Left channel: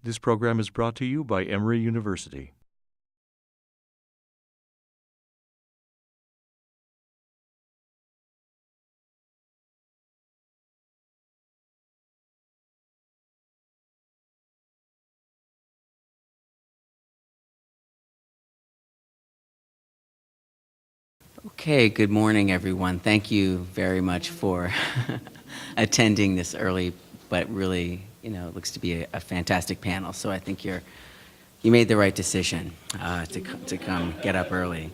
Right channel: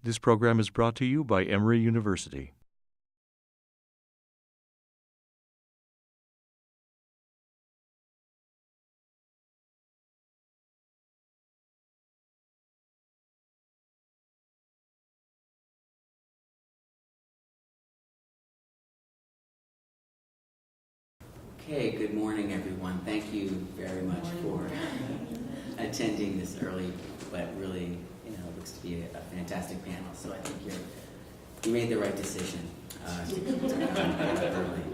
This program is brought to you by Emory University. Okay, good morning, everyone. Thank you very much for attending this early, but really, looks to be a fantastic panel. So I think you made the right decision to come get up early.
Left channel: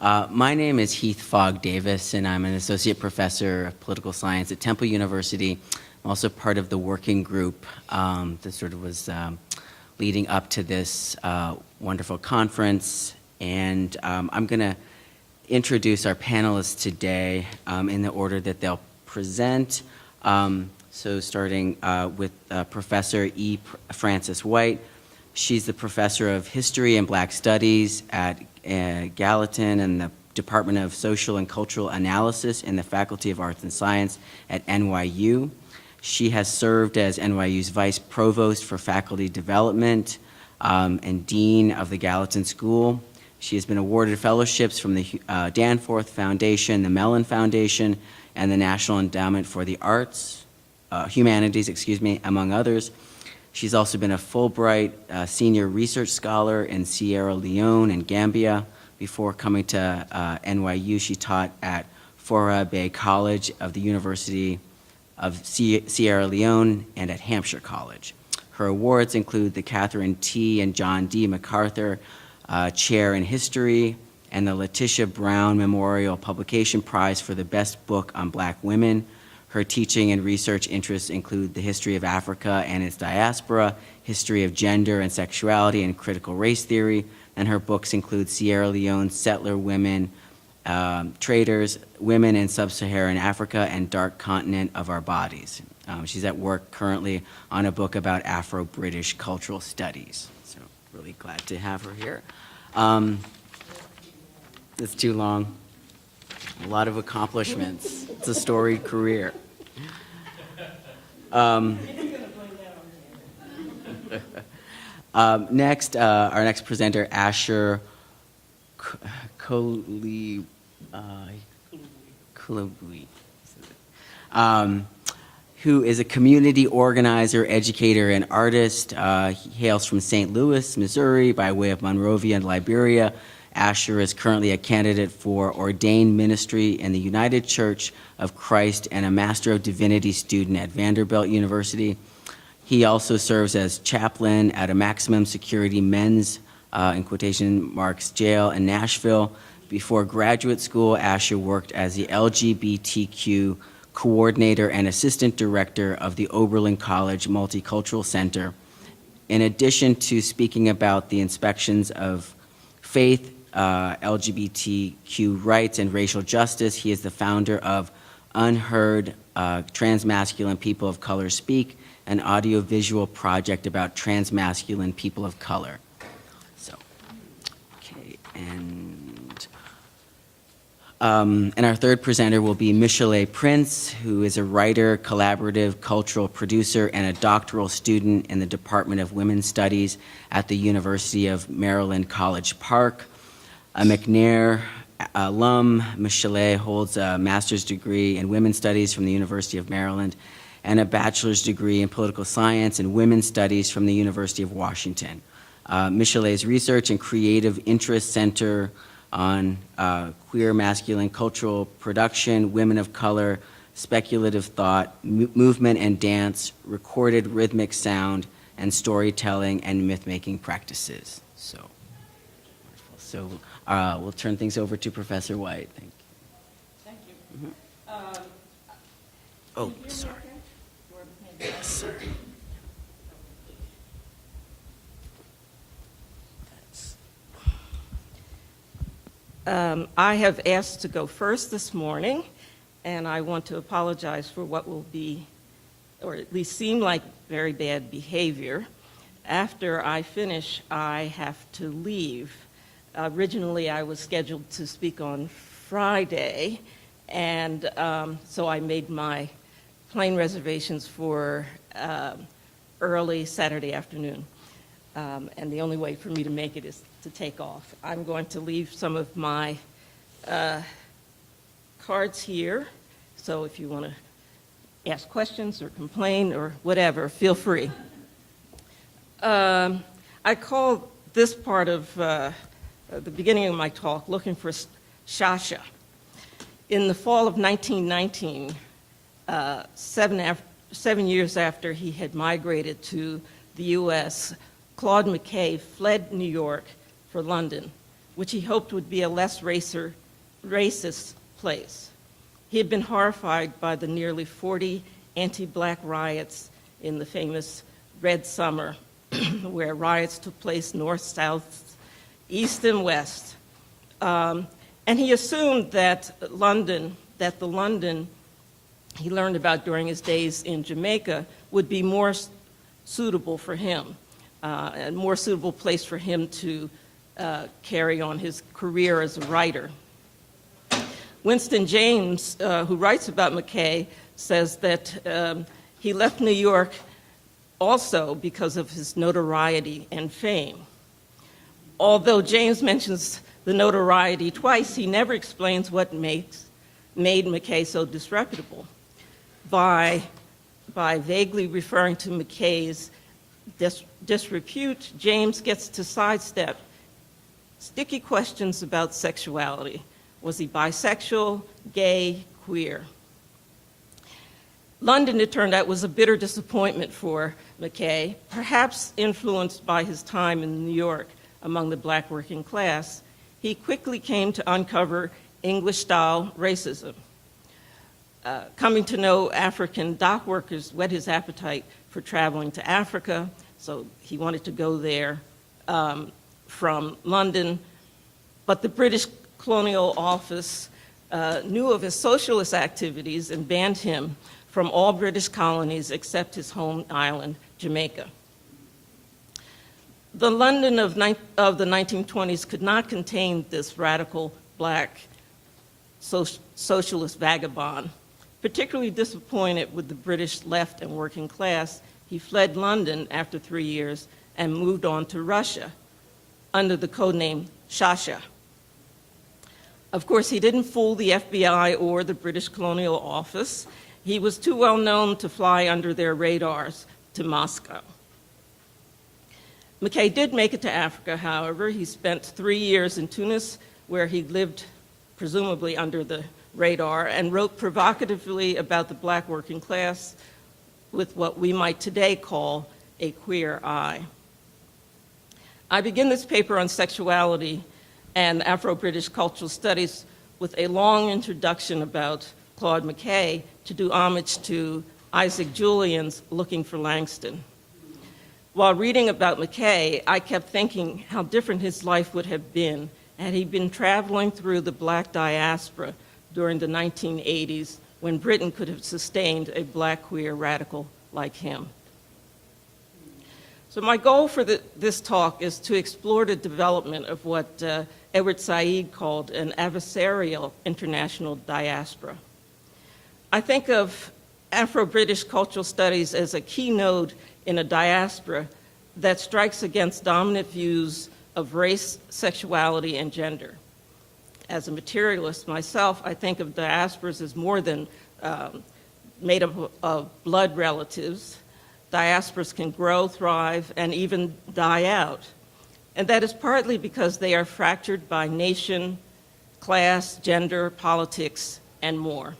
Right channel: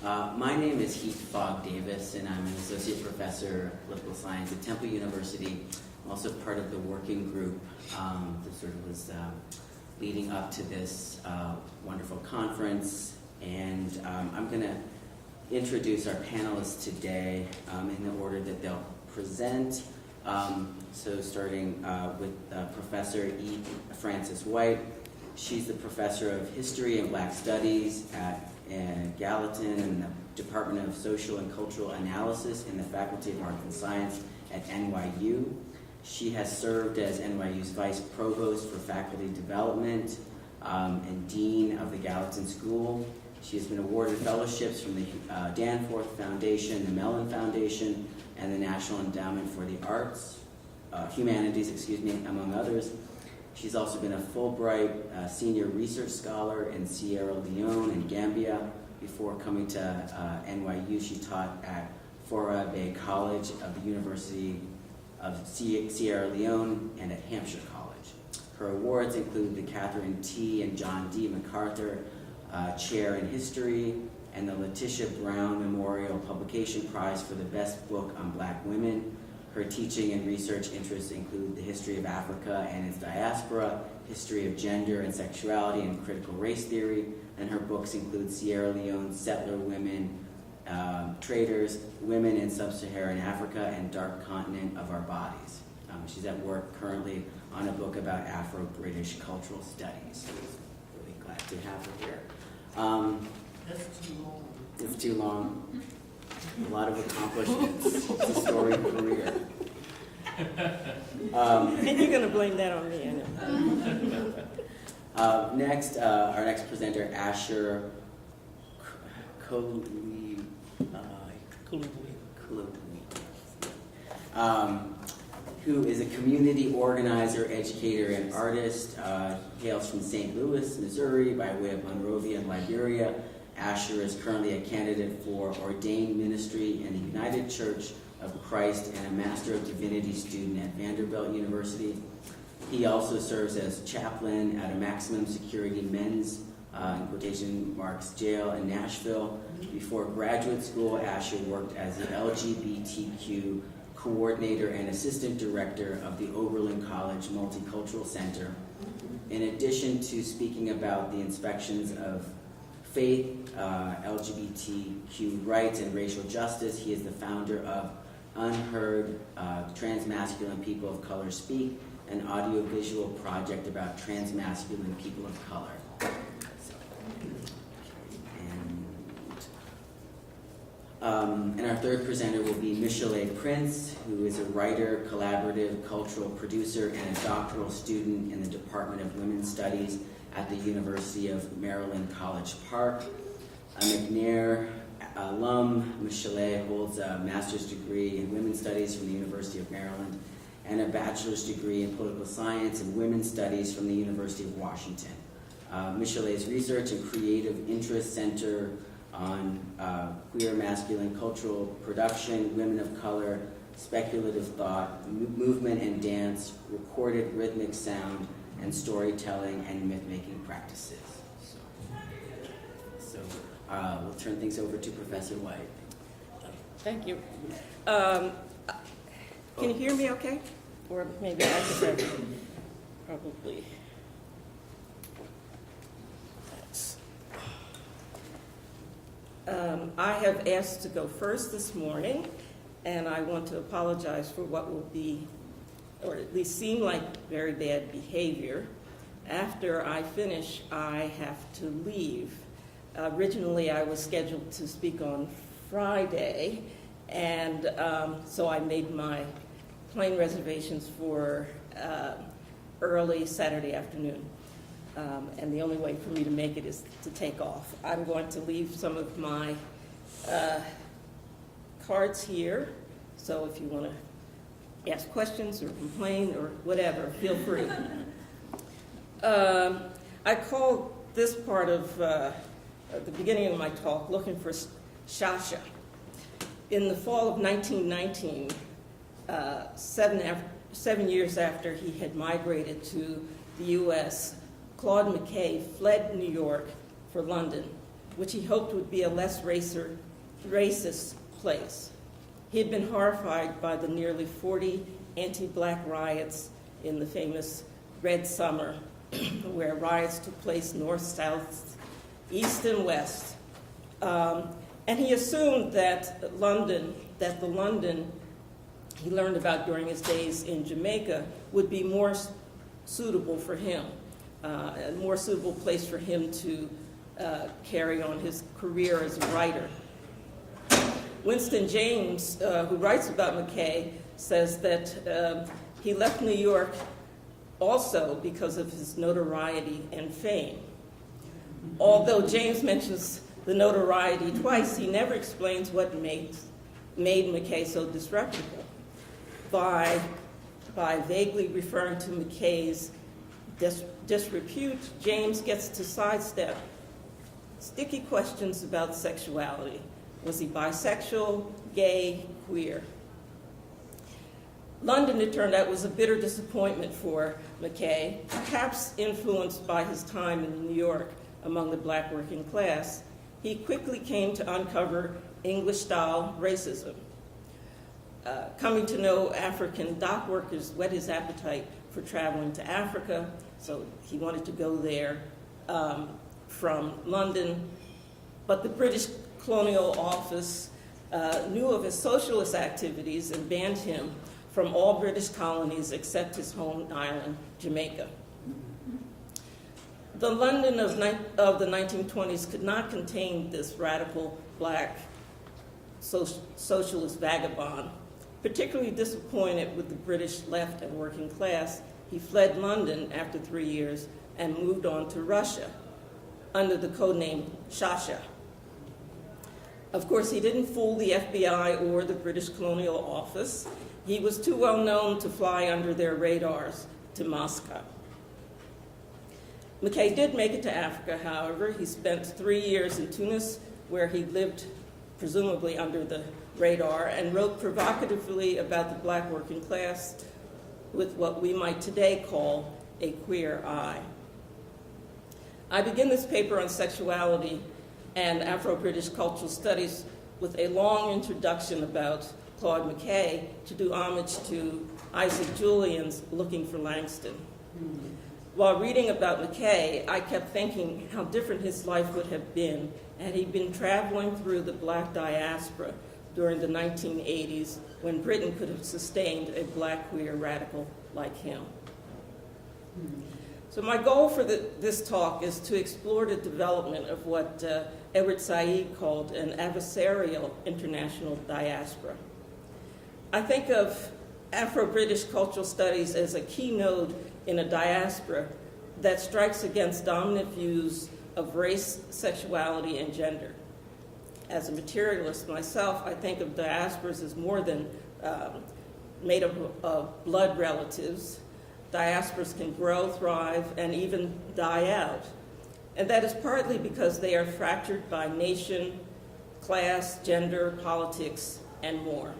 My name is Heath Fogg Davis, and I'm an associate professor of political science at Temple University. I'm also part of the working group that sort of was leading up to this wonderful conference, and I'm going to introduce our panelists today in the order that they'll present. So starting with Professor E. Frances White. She's the professor of history and Black studies at Gallatin and the Department of Social and Cultural Analysis in the Faculty of Arts and Science at NYU. She has served as NYU's vice provost for faculty development and dean of the Gallatin School. She has been awarded fellowships from the Danforth Foundation, the Mellon Foundation, and the National Endowment for the Humanities, among others. She's also been a Fulbright senior research scholar in Sierra Leone and Gambia. Before coming to NYU, she taught at Fora Bay College of the University of Sierra Leone and at Hampshire College. Her awards include the Catherine T. and John D. MacArthur Chair in History, and the Letitia Brown Memorial Publication Prize for the Best Book on Black Women. Her teaching and research interests include the history of Africa and its diaspora, history of gender and sexuality, and critical race theory, and her books include Sierra Leone Settler Women, Traders, Women in Sub-Saharan Africa, and Dark Continent of Our Bodies. She's at work currently on a book about Afro-British cultural studies. So really glad to have her here. It's too long. A lot of accomplishments. It's a storied career. And you're going to blame that on me. Next, our next presenter, Asher Kolieboi, who is a community organizer, educator, and artist. He hails from St. Louis, Missouri, by way of Monrovia and Liberia. Asher is currently a candidate for ordained ministry in the United Church of Christ and a Master of Divinity student at Vanderbilt University. He also serves as chaplain at a maximum security men's, in quotation marks, jail in Nashville. Before graduate school, Asher worked as the LGBTQ coordinator and assistant director of the Oberlin College Multicultural Center. In addition to speaking about the inspections of faith, LGBTQ rights, and racial justice, he is the founder of Unheard Transmasculine People of Color Speak, an audiovisual project about transmasculine people of color. And our third presenter will be Michelé Prince, who is a writer, collaborative, cultural producer, and a doctoral student in the Department of Women's Studies at the University of Maryland, College Park. A McNair alum, Michelé holds a master's degree in women's studies from the University of Maryland and a bachelor's degree in political science and women's studies from the University of Washington. Michelé's research and creative interests center on queer masculine cultural production, women of color, speculative thought, movement and dance, recorded rhythmic sound, and storytelling and myth-making practices. So we'll turn things over to Professor White. Thank you. Can you hear me okay? Or maybe I'll start probably. I have asked to go first this morning, and I want to apologize for what will be, or at least seem like, very bad behavior. After I finish, I have to leave. Originally, I was scheduled to speak on Friday, and so I made my plane reservations for early Saturday afternoon. and the only way for me to make it is to take off. I'm going to leave some of my cards here, so if you want to ask questions or complain or whatever, feel free. I call this part of the beginning of my talk looking for Shasha. In the fall of 1919, 7 years after he had migrated to the U.S., Claude McKay fled New York for London, which he hoped would be a less racist place. He had been horrified by the nearly 40 anti-black riots in the famous Red Summer, where riots took place north, south, east, and west. And he assumed that the London he learned about during his days in Jamaica would be more suitable for him, a more suitable place for him to carry on his career as a writer. Winston James, who writes about McKay, says that he left New York also because of his notoriety and fame. Although James mentions the notoriety twice, he never explains what made McKay so disreputable. By vaguely referring to McKay's disrepute, James gets to sidestep sticky questions about sexuality. Was he bisexual, gay, queer? London, it turned out, was a bitter disappointment for McKay, perhaps influenced by his time in New York among the black working class. He quickly came to uncover English-style racism. Coming to know African dock workers whet his appetite for traveling to Africa, so he wanted to go there from London. But the British Colonial Office knew of his socialist activities and banned him from all British colonies except his home island, Jamaica. The London of the 1920s could not contain this radical black socialist vagabond. Particularly disappointed with the British left and working class, he fled London after 3 years and moved on to Russia under the codename Shasha. Of course, he didn't fool the FBI or the British Colonial Office. He was too well known to fly under their radars to Moscow. McKay did make it to Africa, however. He spent 3 years in Tunis, where he lived presumably under the radar, and wrote provocatively about the black working class with what we might today call a queer eye. I begin this paper on sexuality and Afro-British cultural studies with a long introduction about Claude McKay to do homage to Isaac Julian's Looking for Langston. While reading about McKay, I kept thinking how different his life would have been had he been traveling through the black diaspora during the 1980s, when Britain could have sustained a black queer radical like him. So my goal for this talk is to explore the development of what Edward Said called an adversarial international diaspora. I think of Afro-British cultural studies as a key node in a diaspora that strikes against dominant views of race, sexuality, and gender. As a materialist myself, I think of diasporas as more than made up of blood relatives. Diasporas can grow, thrive, and even die out. And that is partly because they are fractured by nation, class, gender, politics, and more.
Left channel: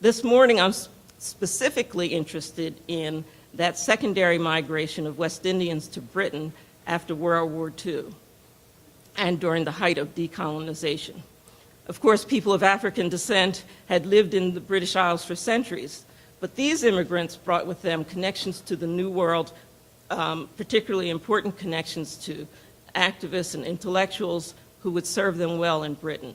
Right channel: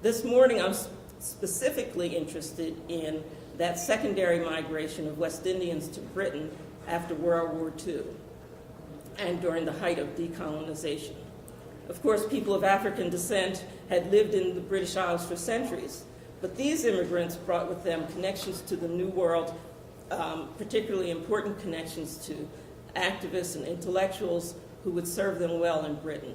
This morning, I'm specifically interested in that secondary migration of West Indians to Britain after World War II and during the height of decolonization. Of course, people of African descent had lived in the British Isles for centuries, but these immigrants brought with them connections to the New World, particularly important connections to activists and intellectuals who would serve them well in Britain.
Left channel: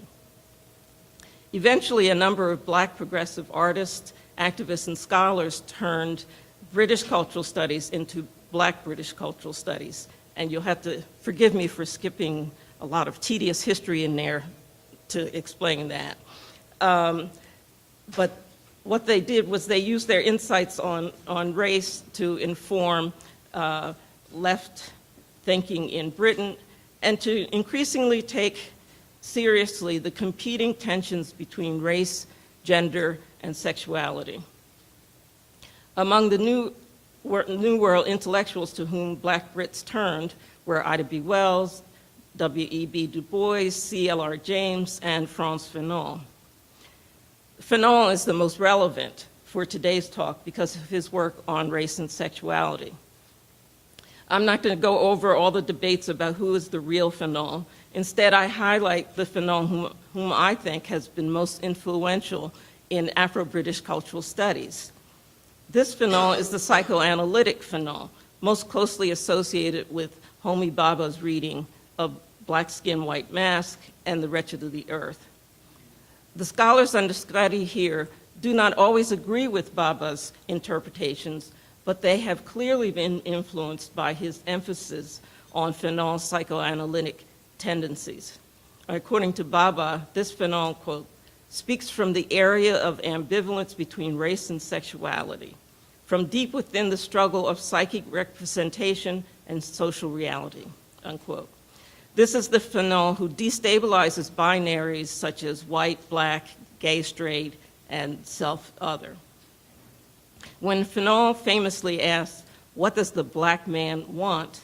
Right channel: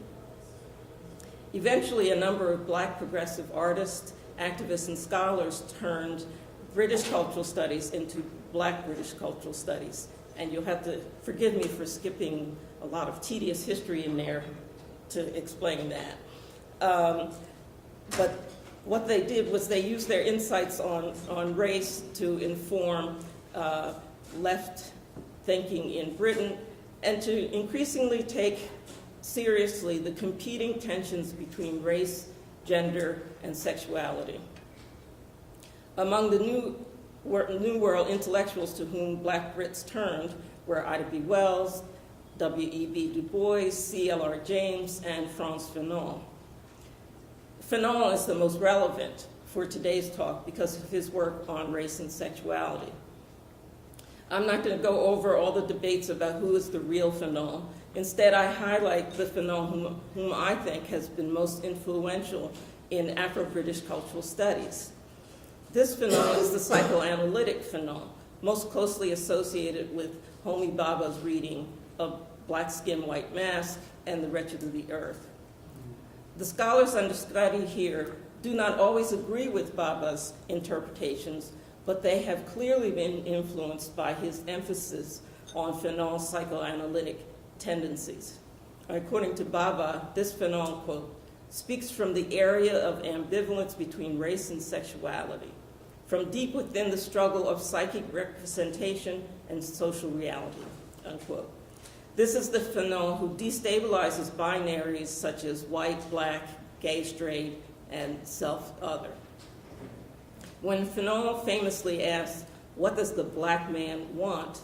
Eventually, a number of black progressive artists, activists, and scholars turned British cultural studies into black British cultural studies. And you'll have to forgive me for skipping a lot of tedious history in there to explain that. But what they did was they used their insights on race to inform left thinking in Britain, and to increasingly take seriously the competing tensions between race, gender, and sexuality. Among the New World intellectuals to whom Black Brits turned were Ida B. Wells, W.E.B. Du Bois, C.L.R. James, and Frantz Fanon. Fanon is the most relevant for today's talk because of his work on race and sexuality. I'm not going to go over all the debates about who is the real Fanon. Instead, I highlight the Fanon whom I think has been most influential in Afro-British cultural studies. This Fanon is the psychoanalytic Fanon, most closely associated with Homi Bhabha's reading of Black Skin, White Mask and The Wretched of the Earth. The scholars under study here do not always agree with Bhabha's interpretations, but they have clearly been influenced by his emphasis on Fanon's psychoanalytic tendencies. According to Bhabha, this Fanon, quote, speaks from the area of ambivalence between race and sexuality, from deep within the struggle of psychic representation and social reality, unquote. This is the Fanon who destabilizes binaries such as white, black, gay, straight, and self-other. When Fanon famously asks, what does the Black man want?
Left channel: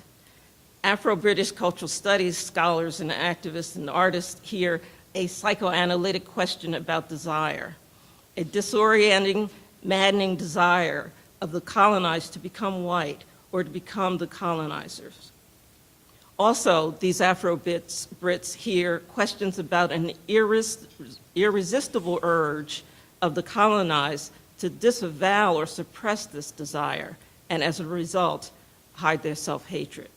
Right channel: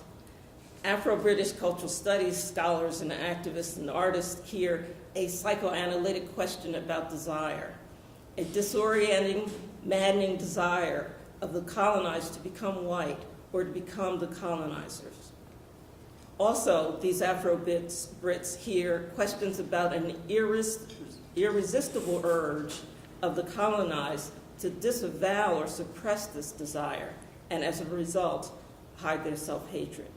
Afro-British cultural studies scholars and activists and artists hear a psychoanalytic question about desire, a disorienting, maddening desire of the colonized to become white or to become the colonizers. Also, these Afro-Brits hear questions about an irresistible urge of the colonized to disavow or suppress this desire, and as a result, hide their self-hatred.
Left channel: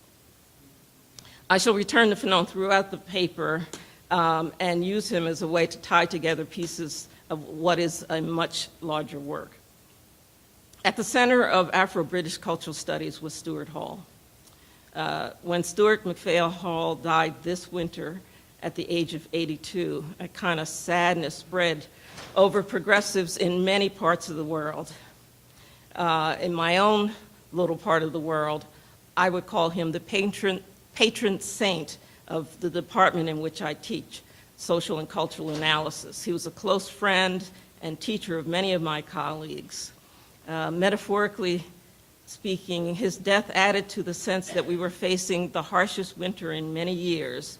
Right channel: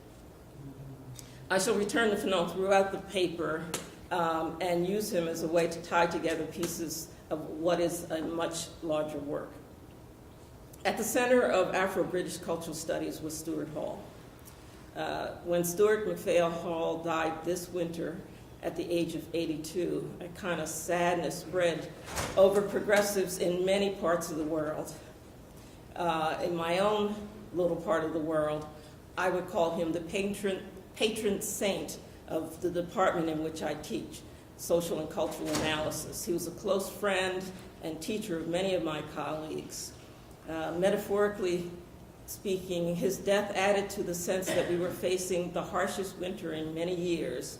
I shall return to Fanon throughout the paper and use him as a way to tie together pieces of what is a much larger work. At the center of Afro-British cultural studies was Stuart Hall. When Stuart McPhail Hall died this winter at the age of 82, a kind of sadness spread over progressives in many parts of the world. In my own little part of the world, I would call him the patron saint of the department in which I teach, social and cultural analysis. He was a close friend and teacher of many of my colleagues. Metaphorically speaking, his death added to the sense that we were facing the harshest winter in many years.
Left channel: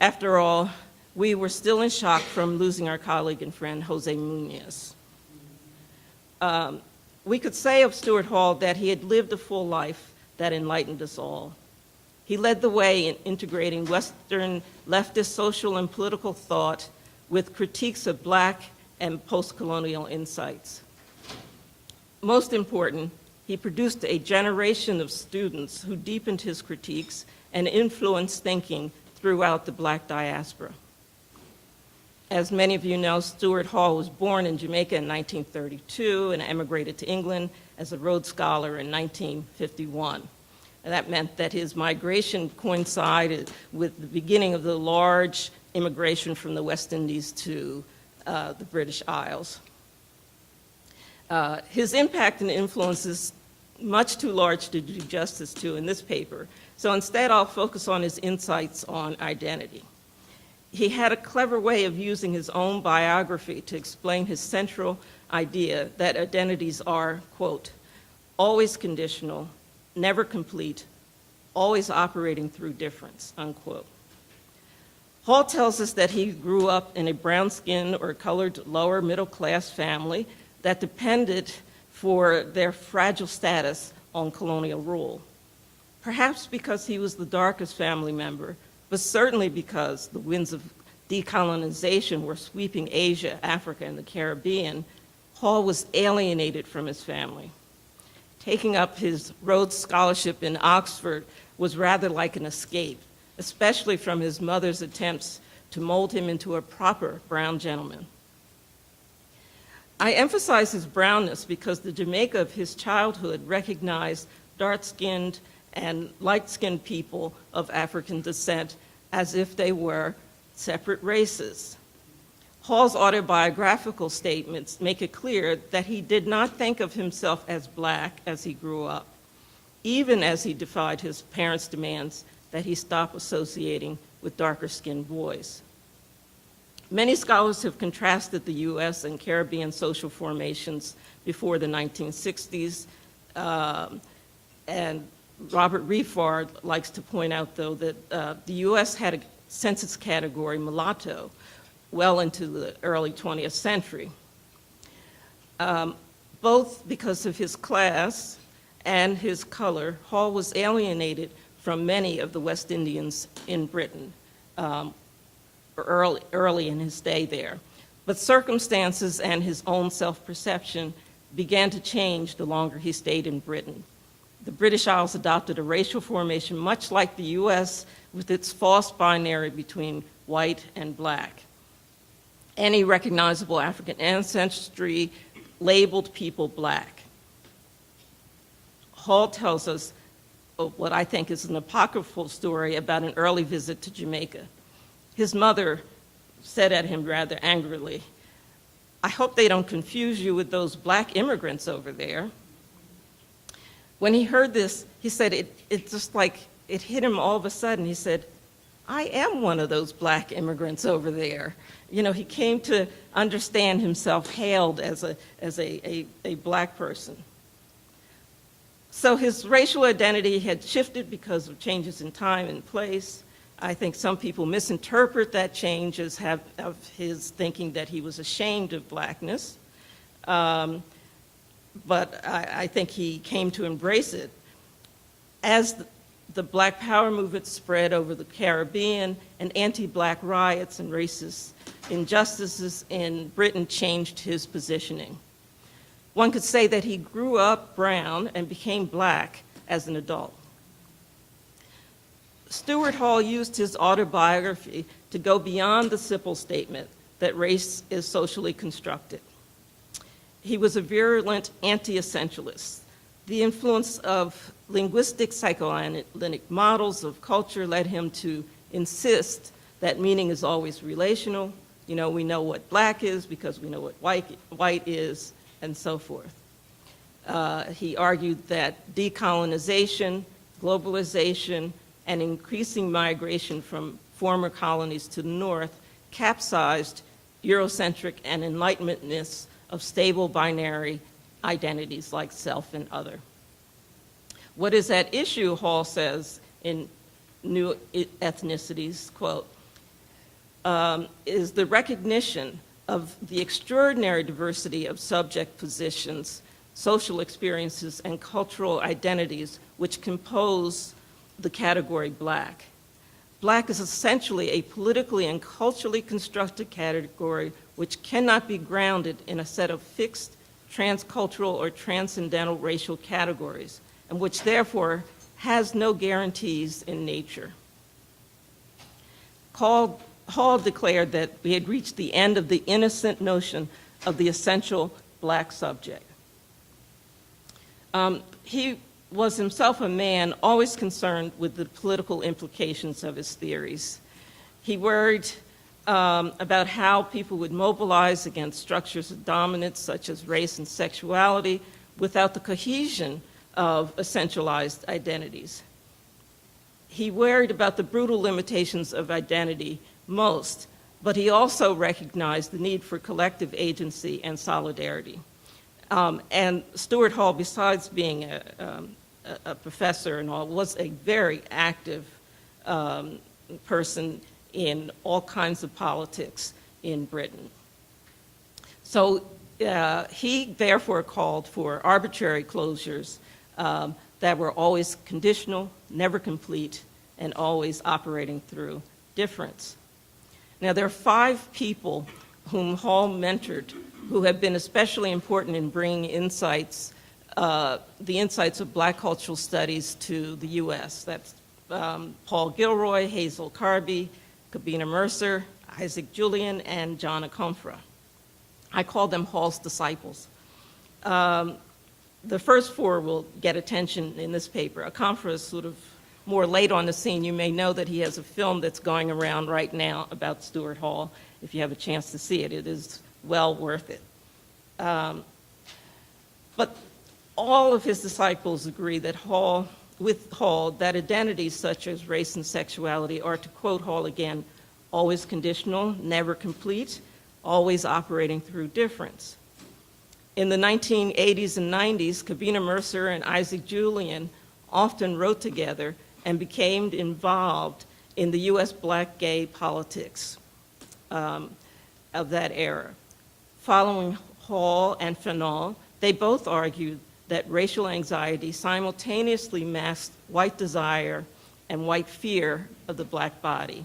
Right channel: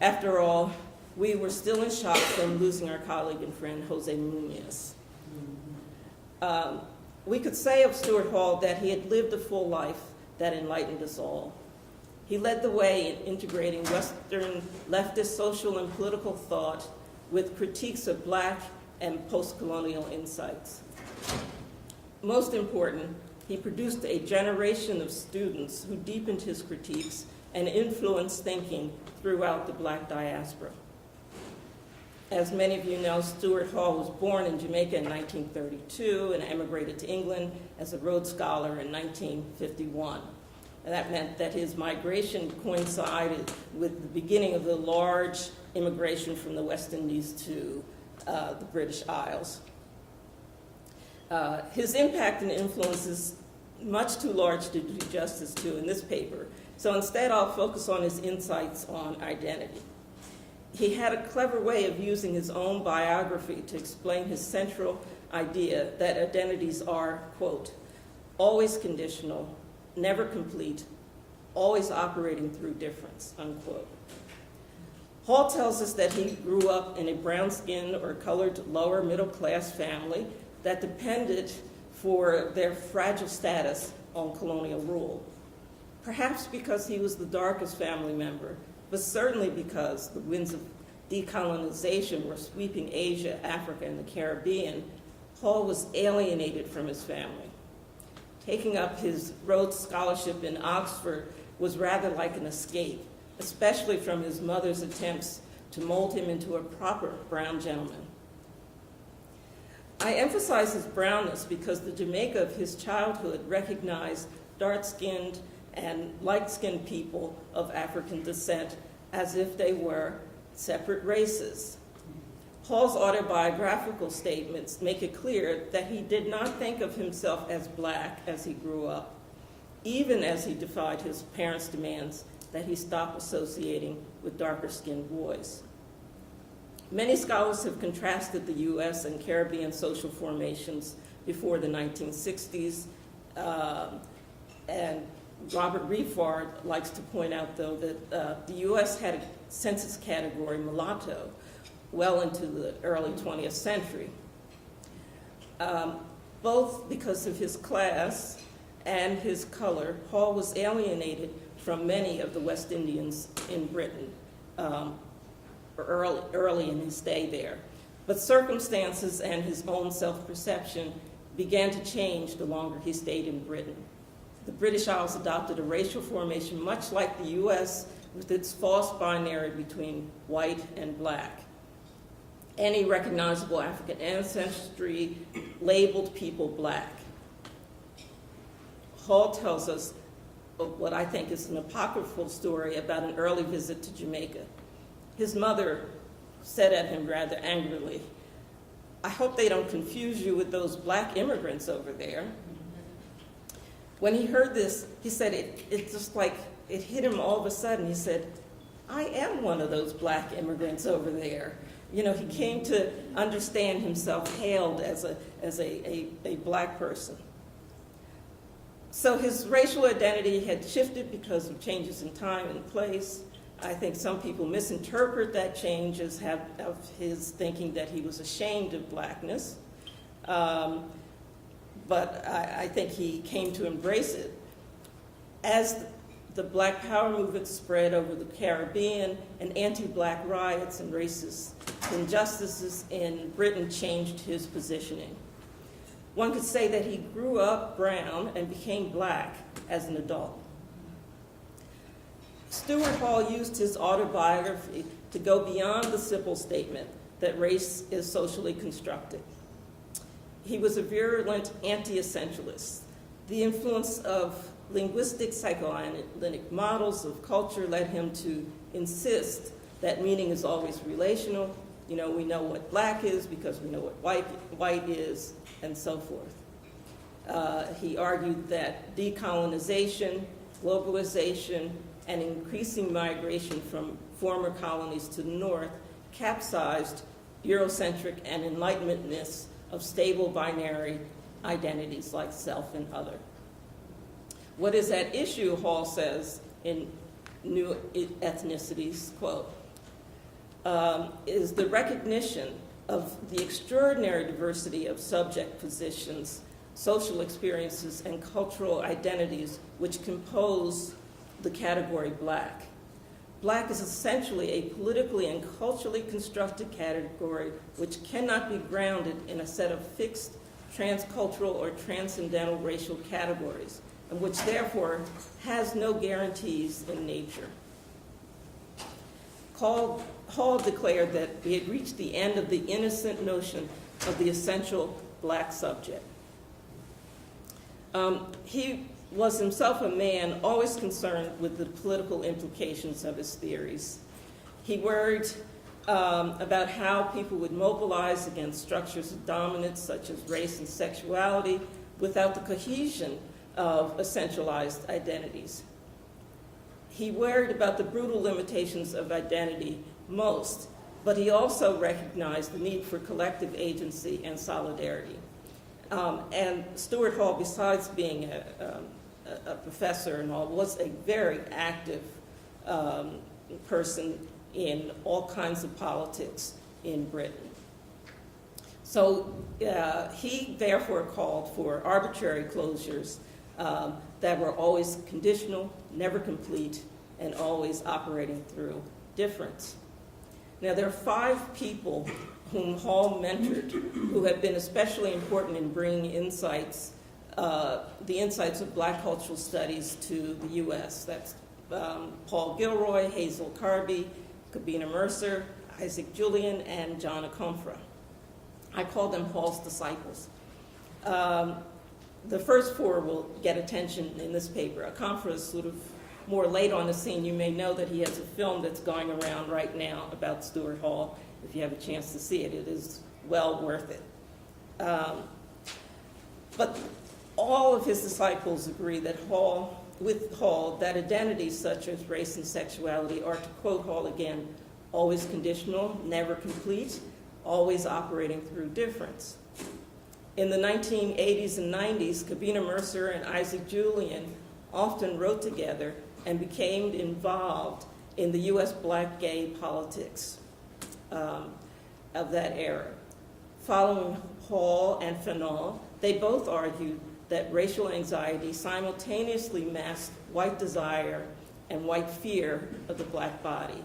After all, we were still in shock from losing our colleague and friend, Jose Munoz. We could say of Stuart Hall that he had lived a full life that enlightened us all. He led the way in integrating Western leftist social and political thought with critiques of Black and post-colonial insights. Most important, he produced a generation of students who deepened his critiques and influenced thinking throughout the Black diaspora. As many of you know, Stuart Hall was born in Jamaica in 1932 and emigrated to England as a Rhodes Scholar in 1951. And that meant that his migration coincided with the beginning of the large immigration from the West Indies to the British Isles. His impact and influence is much too large to do justice to in this paper, so instead I'll focus on his insights on identity. He had a clever way of using his own biography to explain his central idea that identities are, quote, always conditional, never complete, always operating through difference, unquote. Hall tells us that he grew up in a brown-skinned or colored lower middle-class family that depended for their fragile status on colonial rule. Perhaps because he was the darkest family member, but certainly because the winds of decolonization were sweeping Asia, Africa, and the Caribbean, Hall was alienated from his family. Taking up his Rhodes Scholarship in Oxford was rather like an escape, especially from his mother's attempts to mold him into a proper brown gentleman. I emphasize his brownness because the Jamaica of his childhood recognized dark-skinned and light-skinned people of African descent as if they were separate races. Hall's autobiographical statements make it clear that he did not think of himself as Black as he grew up. even as he defied his parents' demands that he stop associating with darker-skinned boys. Many scholars have contrasted the U.S. and Caribbean social formations before the 1960s, and Robert Refard likes to point out, though, that the U.S. had a census category, mulatto, well into the early 20th century, both because of his class and his color. Hall was alienated from many of the West Indians in Britain early in his stay there. But circumstances and his own self-perception began to change the longer he stayed in Britain. The British Isles adopted a racial formation much like the U.S., with its false binary between white and black. Any recognizable African ancestry labeled people black. Hall tells us what I think is an apocryphal story about an early visit to Jamaica. His mother said at him rather angrily, "I hope they don't confuse you with those black immigrants over there." When he heard this, he said it just like, it hit him all of a sudden. He said, "I am one of those black immigrants over there." You know, he came to understand himself hailed as a black person. So his racial identity had shifted because of changes in time and place. I think some people misinterpret that change as of his thinking that he was ashamed of blackness. But I think he came to embrace it. As the Black Power movement spread over the Caribbean, and anti-black riots and racist injustices in Britain changed his positioning. One could say that he grew up brown and became black as an adult. Stuart Hall used his autobiography to go beyond the simple statement that race is socially constructed. He was a virulent anti-essentialist. The influence of linguistic psychoanalytic models of culture led him to insist that meaning is always relational. You know, we know what black is because we know what white is, and so forth. He argued that decolonization, globalization, and increasing migration from former colonies to the north capsized Eurocentric and Enlightenmentness of stable binary identities like self and other. What is at issue, Hall says in New Ethnicities, quote, is the recognition of the extraordinary diversity of subject positions, social experiences, and cultural identities which compose the category black. Black is essentially a politically and culturally constructed category which cannot be grounded in a set of fixed transcultural or transcendental racial categories, and which therefore has no guarantees in nature. Hall declared that we had reached the end of the innocent notion of the essential black subject. He was himself a man always concerned with the political implications of his theories. He worried about how people would mobilize against structures of dominance such as race and sexuality without the cohesion of essentialized identities. He worried about the brutal limitations of identity most, but he also recognized the need for collective agency and solidarity. And Stuart Hall, besides being a professor and all, was a very active person in all kinds of politics in Britain. So he therefore called for arbitrary closures that were always conditional, never complete, and always operating through difference. Now, there are 5 people whom Hall mentored who have been especially important in bringing insights, the insights of black cultural studies to the U.S. That's Paul Gilroy, Hazel Carby, Kabina Mercer, Isaac Julian, and John Akomfrah. I call them Hall's disciples. The first 4 will get attention in this paper. Akomfrah is sort of more late on the scene. You may know that he has a film that's going around right now about Stuart Hall. If you have a chance to see it, it is well worth it. But All of his disciples agree that with Hall, that identities such as race and sexuality are, to quote Hall again, always conditional, never complete, always operating through difference. In the 1980s and 90s, Kavina Mercer and Isaac Julian often wrote together and became involved in the US Black gay politics of that era. Following Hall and Phenom, they both argued that racial anxiety simultaneously masked white desire and white fear of the Black body.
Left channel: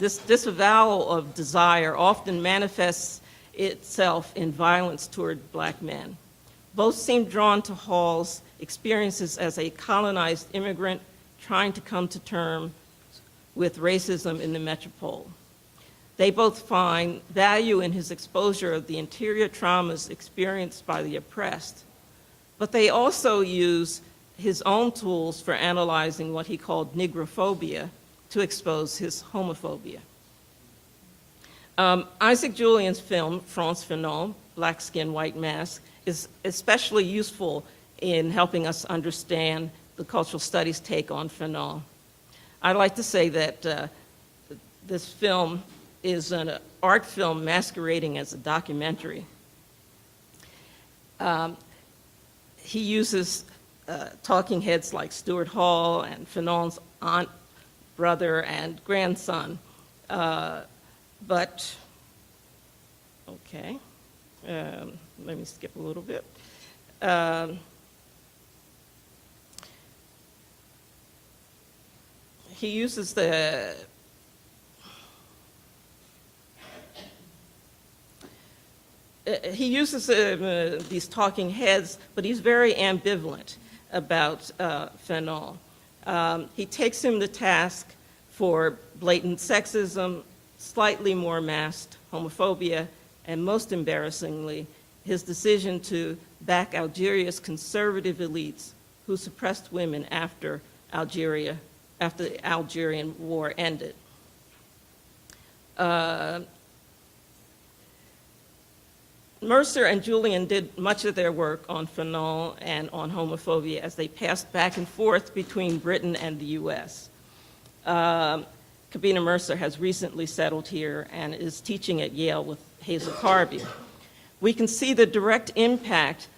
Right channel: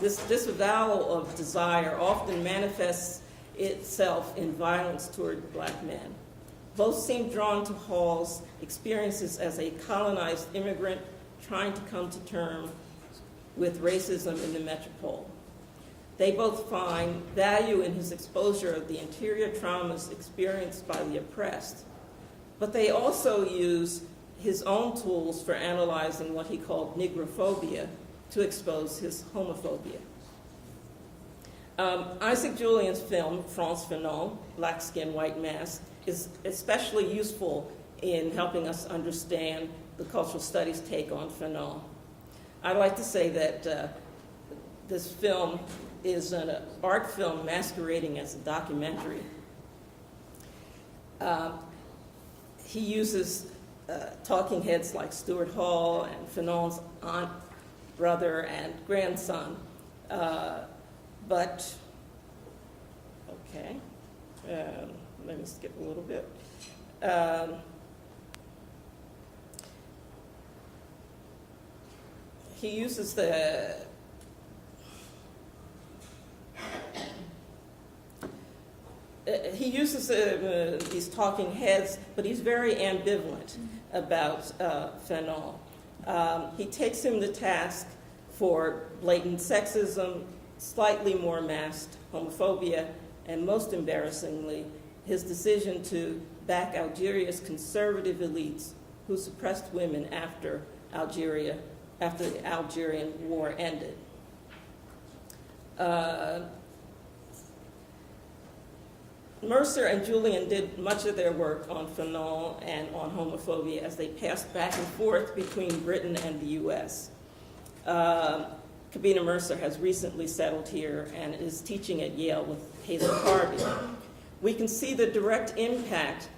This disavowal of desire often manifests itself in violence toward Black men. Both seem drawn to Hall's experiences as a colonized immigrant trying to come to terms with racism in the metropole. They both find value in his exposure of the interior traumas experienced by the oppressed, but they also use his own tools for analyzing what he called negrophobia to expose his homophobia. Isaac Julian's film, France Phenom, Black Skin, White Mask, is especially useful in helping us understand the cultural studies take on Phenom. I'd like to say that this film is an art film masquerading as a documentary. He uses talking heads like Stuart Hall and Phenom's aunt, brother, and grandson. But, okay, let me skip a little bit. He uses these talking heads, but he's very ambivalent about Phenom. He takes him to task for blatant sexism, slightly more masked homophobia, and most embarrassingly, his decision to back Algeria's conservative elites who suppressed women after the Algerian War ended. Mercer and Julian did much of their work on Phenom and on homophobia as they passed back and forth between Britain and the US. Kavina Mercer has recently settled here and is teaching at Yale with Hazel Carby. We can see the direct impact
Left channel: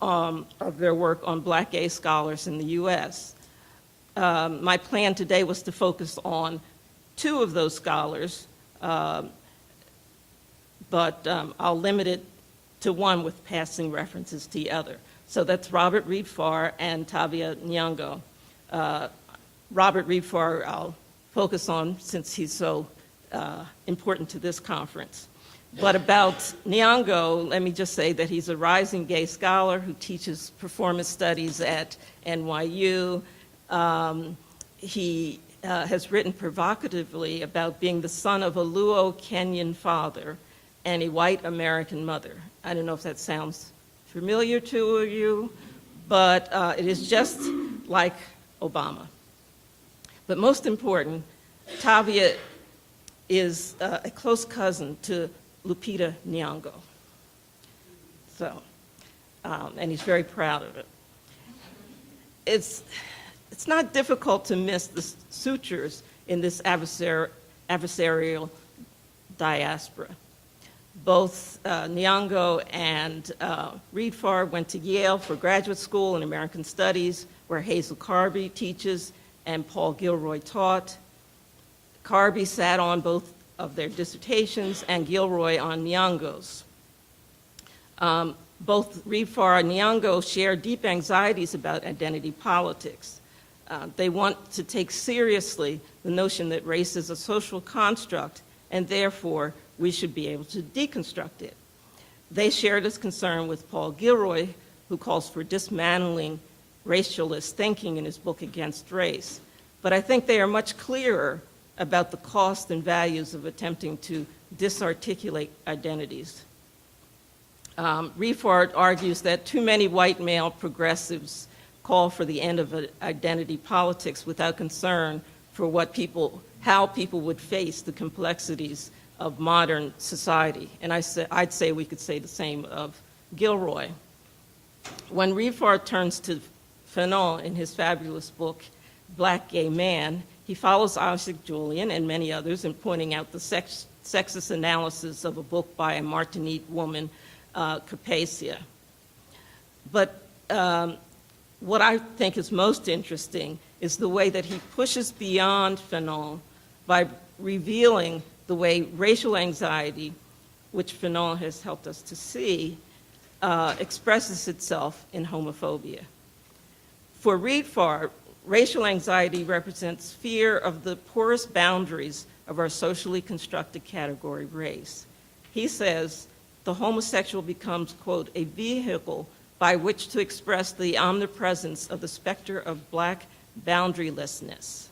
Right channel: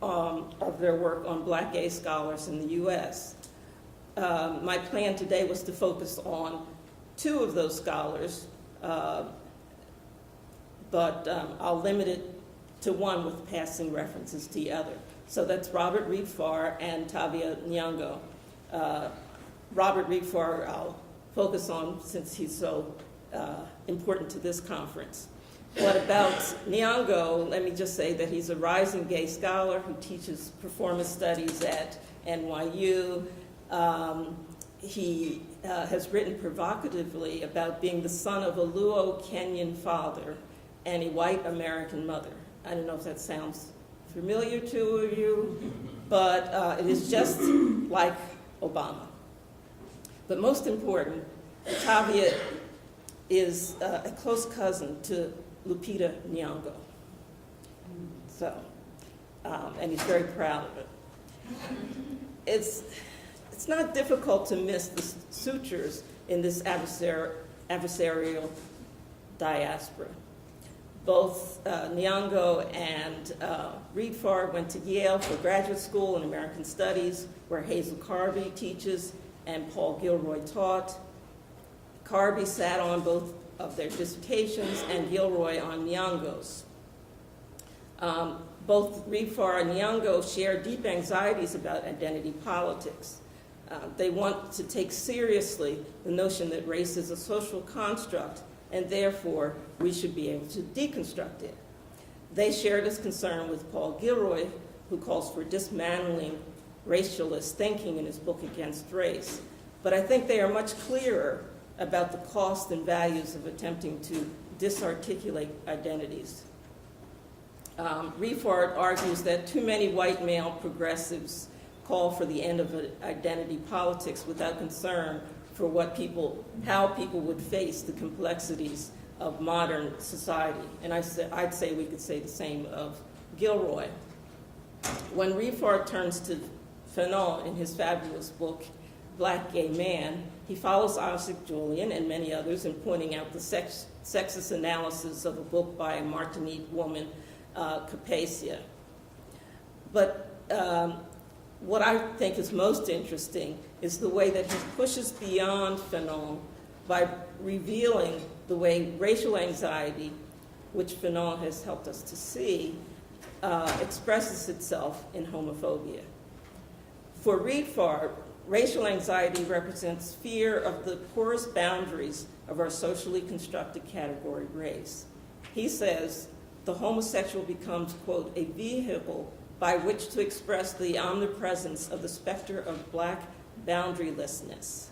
of their work on Black gay scholars in the US. My plan today was to focus on two of those scholars, but I'll limit it to one with passing references to the other. So that's Robert Reed Farr and Tavia Nyong'o. Robert Reed Farr I'll focus on since he's so important to this conference. But about Nyong'o, let me just say that he's a rising gay scholar who teaches performance studies at NYU. He has written provocatively about being the son of a Luo Kenyan father and a white American mother. I don't know if that sounds familiar to you, but it is just like Obama. But most important, Tavia is a close cousin to Lupita Nyong'o. So, and he's very proud of it. It's not difficult to miss the sutures in this adversarial diaspora. Both Nyong'o and Reed Farr went to Yale for graduate school in American Studies, where Hazel Carby teaches and Paul Gilroy taught. Carby sat on both of their dissertations and Gilroy on Nyong'o's. Both Reed Farr and Nyong'o share deep anxieties about identity politics. They want to take seriously the notion that race is a social construct and therefore we should be able to deconstruct it. They share this concern with Paul Gilroy, who calls for dismantling racialist thinking in his book Against Race. But I think they are much clearer about the cost and values of attempting to disarticulate identities. Reed Farr argues that too many white male progressives call for the end of identity politics without concern for how people would face the complexities of modern society. And I'd say we could say the same of Gilroy. When Rifar turns to Phenom in his fabulous book, Black Gay Man, he follows Isaac Julian and many others in pointing out the sexist analysis of a book by a Martinique woman, Capacia. But what I think is most interesting is the way that he pushes beyond Phenom by revealing the way racial anxiety, which Phenom has helped us to see, expresses itself in homophobia. For Rifar, racial anxiety represents fear of the porous boundaries of our socially constructed category race. He says the homosexual becomes, quote, a vehicle by which to express the omnipresence of the specter of Black boundarylessness.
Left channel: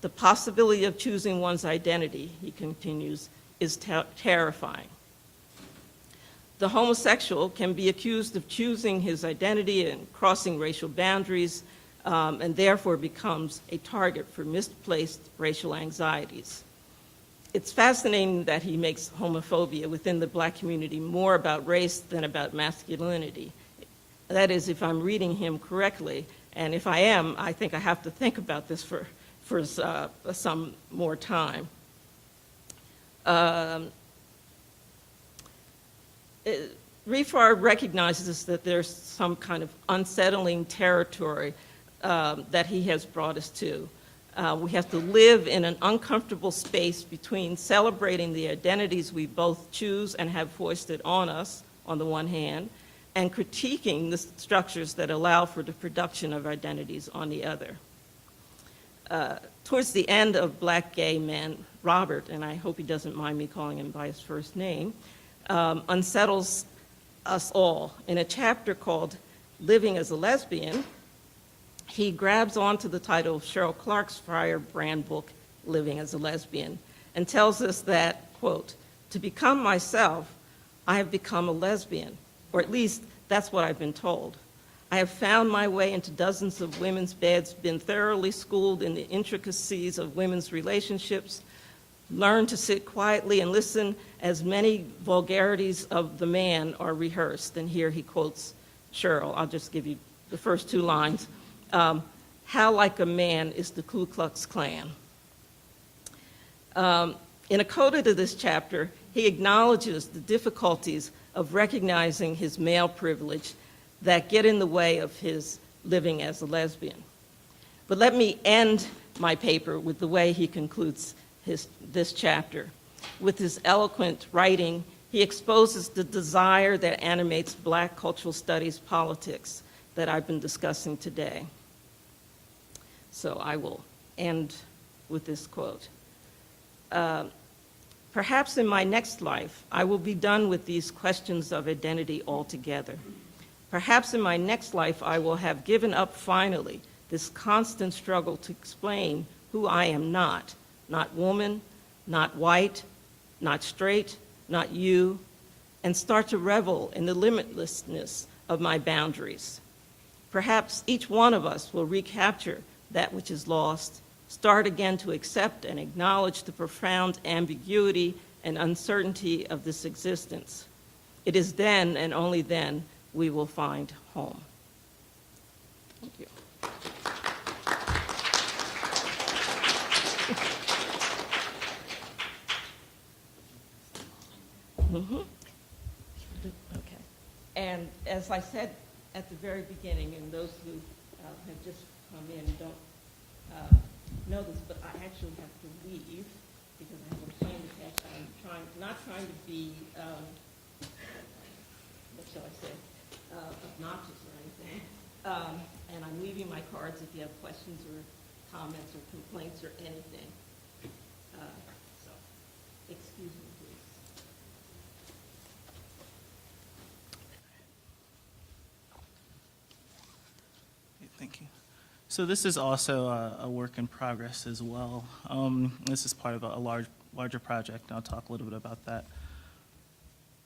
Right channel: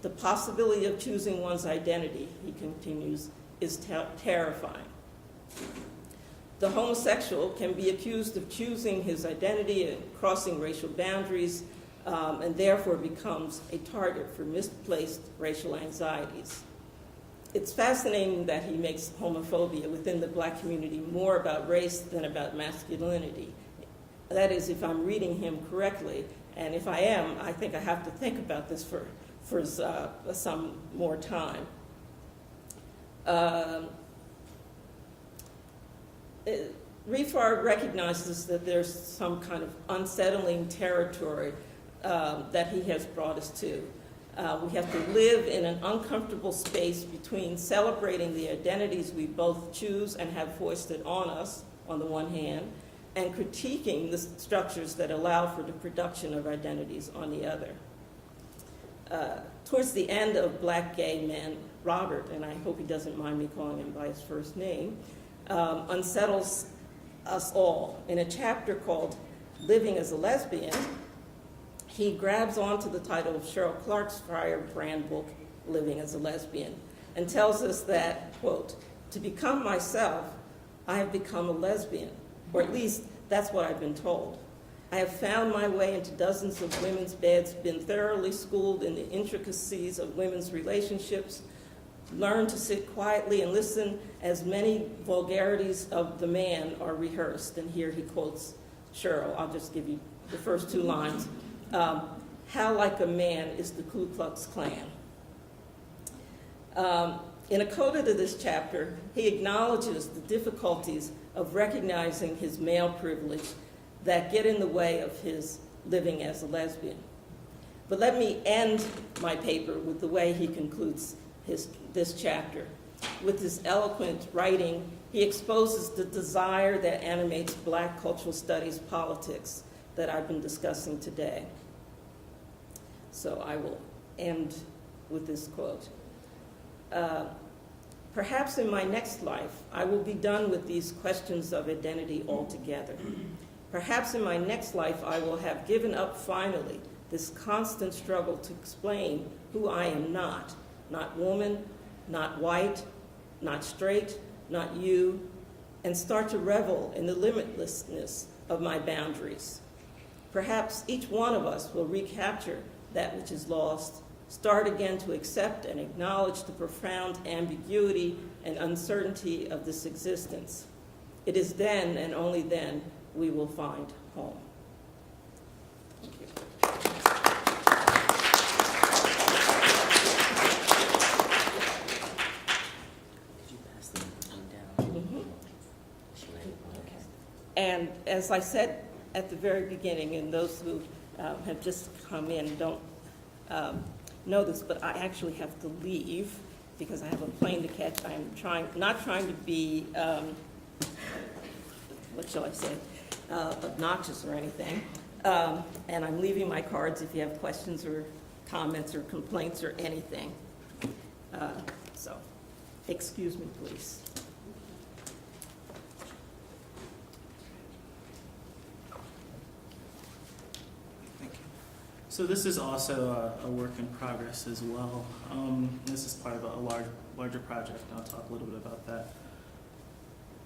The possibility of choosing one's identity, he continues, is terrifying. The homosexual can be accused of choosing his identity and crossing racial boundaries, and therefore becomes a target for misplaced racial anxieties. It's fascinating that he makes homophobia within the Black community more about race than about masculinity. That is, if I'm reading him correctly, and if I am, I think I have to think about this for some more time. Rifar recognizes that there's some kind of unsettling territory that he has brought us to. We have to live in an uncomfortable space between celebrating the identities we both choose and have foisted on us, on the one hand, and critiquing the structures that allow for the production of identities on the other. Towards the end of Black Gay Man, Robert, and I hope he doesn't mind me calling him by his first name, unsettles us all. In a chapter called Living as a Lesbian, he grabs onto the title of Cheryl Clark's firebrand book, Living as a Lesbian, and tells us that, quote, to become myself, I have become a lesbian, or at least that's what I've been told. I have found my way into dozens of women's beds, been thoroughly schooled in the intricacies of women's relationships, learned to sit quietly and listen as many vulgarities of the man are rehearsed. And here he quotes Cheryl. I'll just give you the first two lines. How like a man is the Ku Klux Klan. In a coda to this chapter, he acknowledges the difficulties of recognizing his male privilege that get in the way of his living as a lesbian. But let me end my paper with the way he concludes this chapter. With his eloquent writing, he exposes the desire that animates Black cultural studies politics that I've been discussing today. So I will end with this quote. Perhaps in my next life, I will be done with these questions of identity altogether. Perhaps in my next life, I will have given up finally this constant struggle to explain who I am not woman, not white, not straight, not you, and start to revel in the limitlessness of my boundaries. Perhaps each one of us will recapture that which is lost, start again to accept and acknowledge the profound ambiguity and uncertainty of this existence. It is then and only then we will find home. Thank you. Okay. And as I said at the very beginning, and those who have just come in don't know this, but I actually have to leave because I have a plane to catch. I'm not trying to be, what shall I say, obnoxious or anything. And I'm leaving my cards if you have questions or comments or complaints or anything. So, excuse me, please. Thank you. So this is also a work in progress as well. This is part of a larger project, and I'll talk a little bit about that.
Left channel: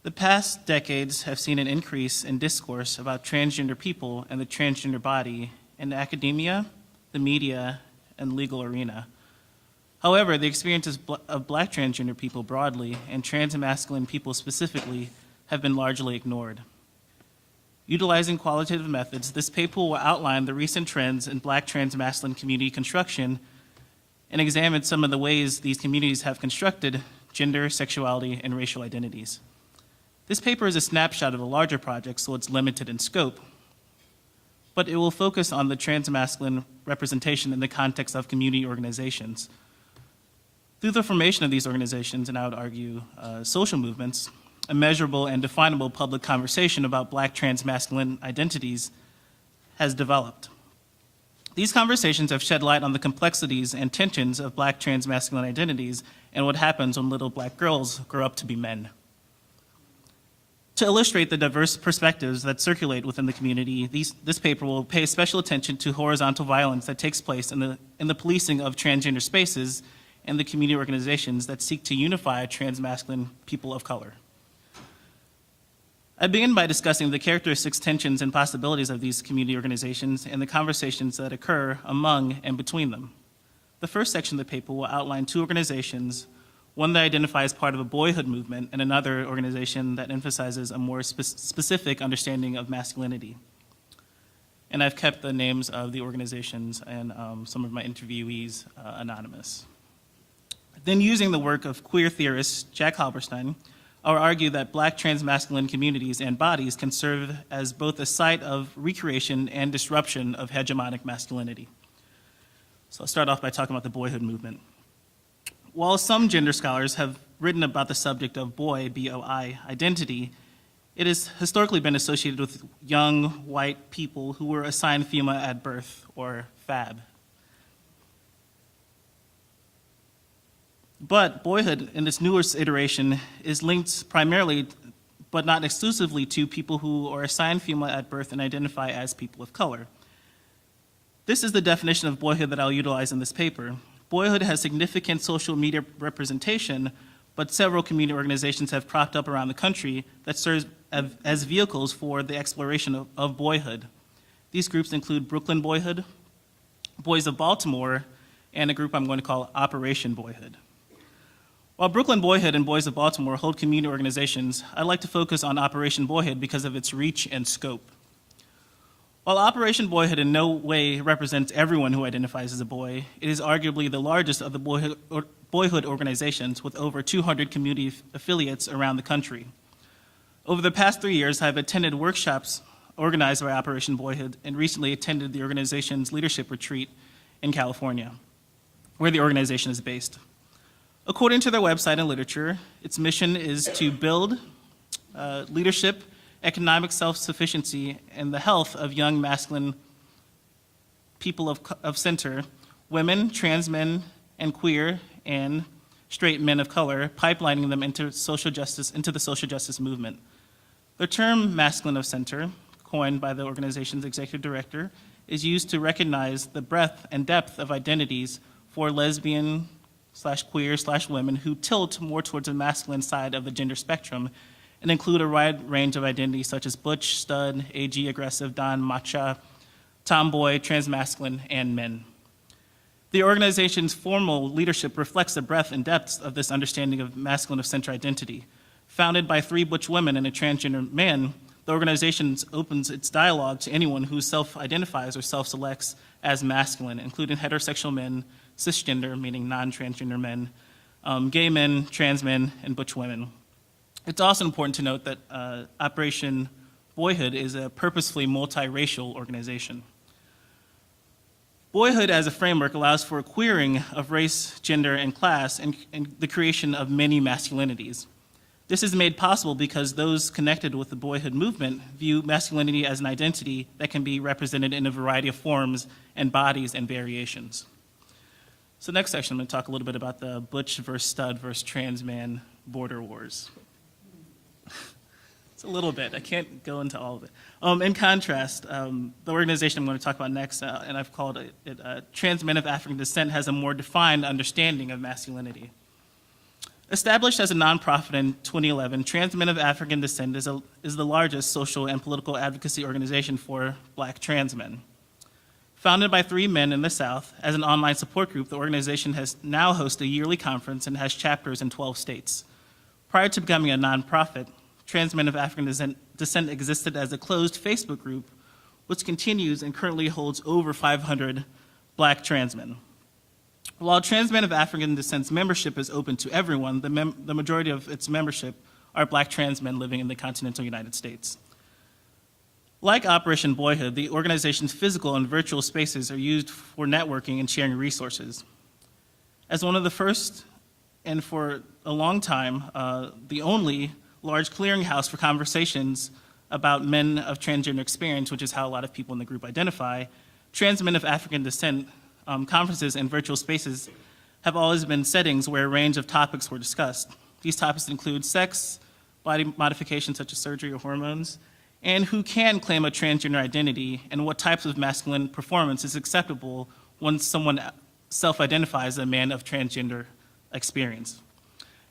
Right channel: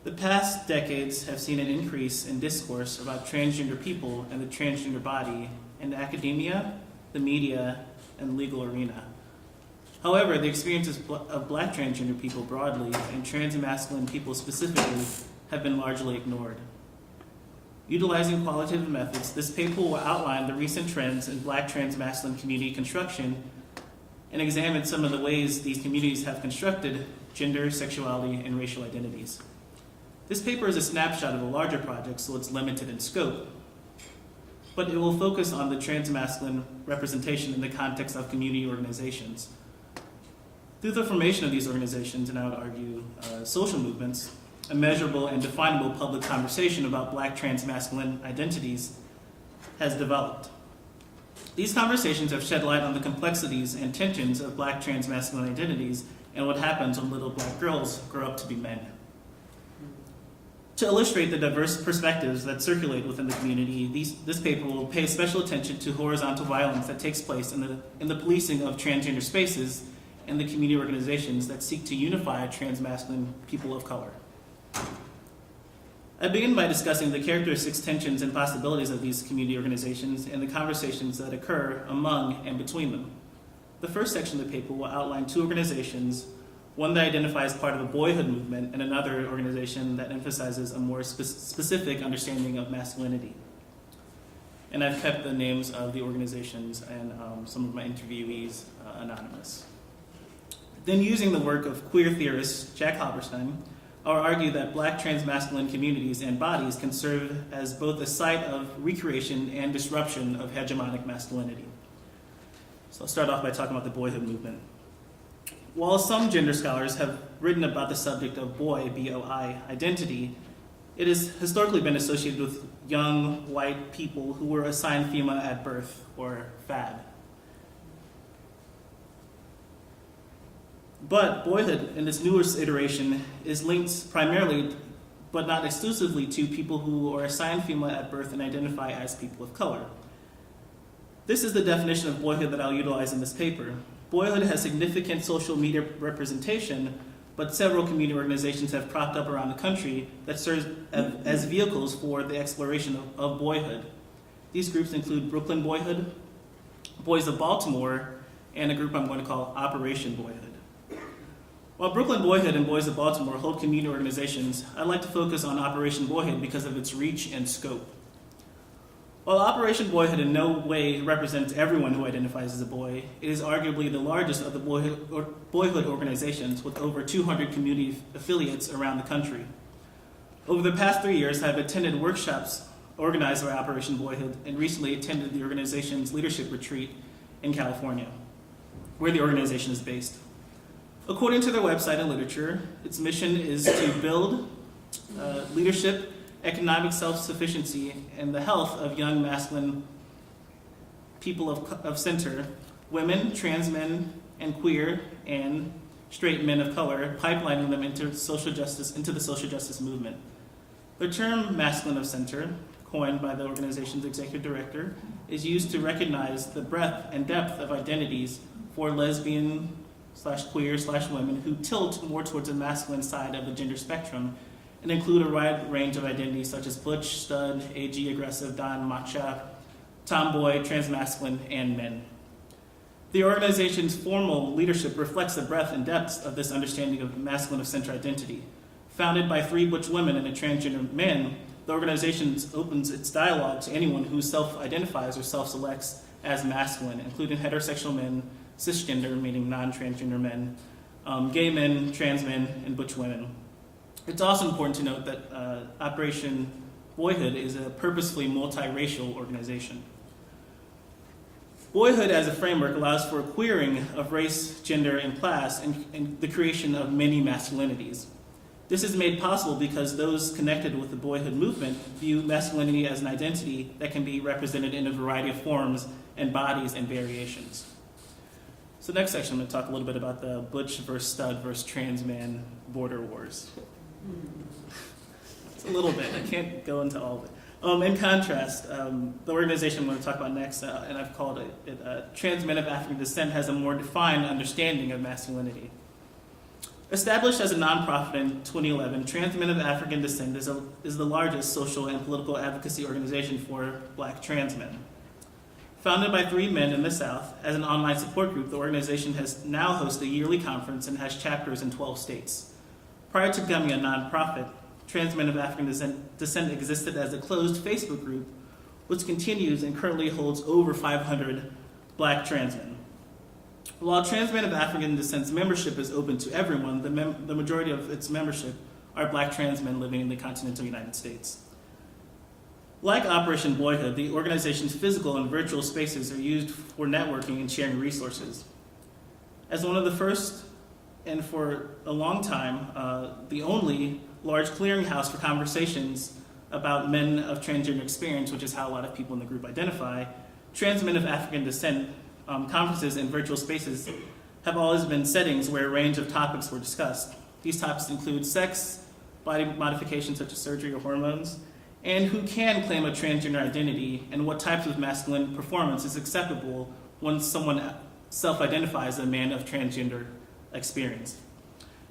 The past decades have seen an increase in discourse about transgender people and the transgender body in academia, the media, and legal arena. However, the experiences of Black transgender people broadly and trans and masculine people specifically have been largely ignored. Utilizing qualitative methods, this paper will outline the recent trends in Black transmasculine community construction and examine some of the ways these communities have constructed gender, sexuality, and racial identities. This paper is a snapshot of a larger project, so it's limited in scope, but it will focus on the transmasculine representation in the context of community organizations. Through the formation of these organizations, and I would argue social movements, a measurable and definable public conversation about Black transmasculine identities has developed. These conversations have shed light on the complexities and tensions of Black transmasculine identities and what happens when little Black girls grow up to be men. To illustrate the diverse perspectives that circulate within the community, this paper will pay special attention to horizontal violence that takes place in the policing of transgender spaces and the community organizations that seek to unify transmasculine people of color. I begin by discussing the characteristics, tensions, and possibilities of these community organizations and the conversations that occur among and between them. The first section of the paper will outline two organizations, one that identifies part of a boyhood movement and another organization that emphasizes a more specific understanding of masculinity. And I've kept the names of the organizations and some of my interviewees anonymous. Then, using the work of queer theorist Jack Halberstam, I'll argue that Black transmasculine communities and bodies can serve as both a site of recreation and disruption of hegemonic masculinity. So I'll start off by talking about the boyhood movement. While some gender scholars have written about the subject of boy, B-O-I, identity, it has historically been associated with young white people who were assigned female at birth, or FAB. But boyhood, in its newest iteration, is linked primarily, but not exclusively, to people who are assigned female at birth and identify as people of color. This is the definition of boyhood that I'll utilize in this paper. Boyhood has significant social media representation, but several community organizations have cropped up around the country that serve as vehicles for the exploration of boyhood. These groups include Brooklyn Boyhood, Boys of Baltimore, and a group I'm going to call Operation Boyhood. While Brooklyn Boyhood and Boys of Baltimore hold community organizations, I'd like to focus on Operation Boyhood because of its reach and scope. While Operation Boyhood in no way represents everyone who identifies as a boy, it is arguably the largest of the boyhood organizations with over 200 community affiliates around the country. Over the past 3 years, I've attended workshops organized by Operation Boyhood and recently attended the organization's leadership retreat in California, where the organization is based. According to their website and literature, its mission is to build leadership, economic self-sufficiency, and the health of young masculine people of center, women, trans men, and queer and straight men of color, pipelining them into the social justice movement. The term masculine of center, coined by the organization's executive director, is used to recognize the breadth and depth of identities for lesbian / women who tilt more towards the masculine side of the gender spectrum and include a wide range of identities such as butch, stud, AG, aggressive, don, macha, tomboy, transmasculine, and men. The organization's formal leadership reflects the breadth and depth of this understanding of masculine of center identity. Founded by 3 butch women and a transgender man, the organization opens its dialogue to anyone who self-identifies or self-selects as masculine, including heterosexual men, cisgender, meaning non-transgender men, gay men, trans men, and butch women. It's also important to note that Operation Boyhood is a purposefully multiracial organization. Boyhood as a framework allows for a queering of race, gender, and class, and the creation of many masculinities. This is made possible because those connected with the boyhood movement view masculinity as an identity that can be represented in a variety of forms and bodies and variations. So next section, I'm going to talk a little bit about the butch versus stud versus trans man border wars. It's a little bit. I can't go into all of it. In contrast, the organization I'm going to talk about next, and I've called it Trans Men of African Descent, has a more defined understanding of masculinity. Established as a nonprofit in 2011, Trans Men of African Descent is the largest social and political advocacy organization for Black trans men. Founded by 3 men in the South, as an online support group, the organization has now hosted a yearly conference and has chapters in 12 states. Prior to becoming a nonprofit, trans men of African descent existed as a closed Facebook group, which continues and currently holds over 500 Black trans men. While trans men of African descent's membership is open to everyone, the majority of its membership are Black trans men living in the continental United States. Like Operation Boyhood, the organization's physical and virtual spaces are used for networking and sharing resources. As one of the first, and for a long time, the only large clearinghouse for conversations about men of transgender experience, which is how a lot of people in the group identify, trans men of African descent conferences and virtual spaces have always been settings where a range of topics were discussed. These topics include sex, body modification such as surgery or hormones, and who can claim a transgender identity, and what types of masculine performance is acceptable when someone self-identifies as a man of transgender experience.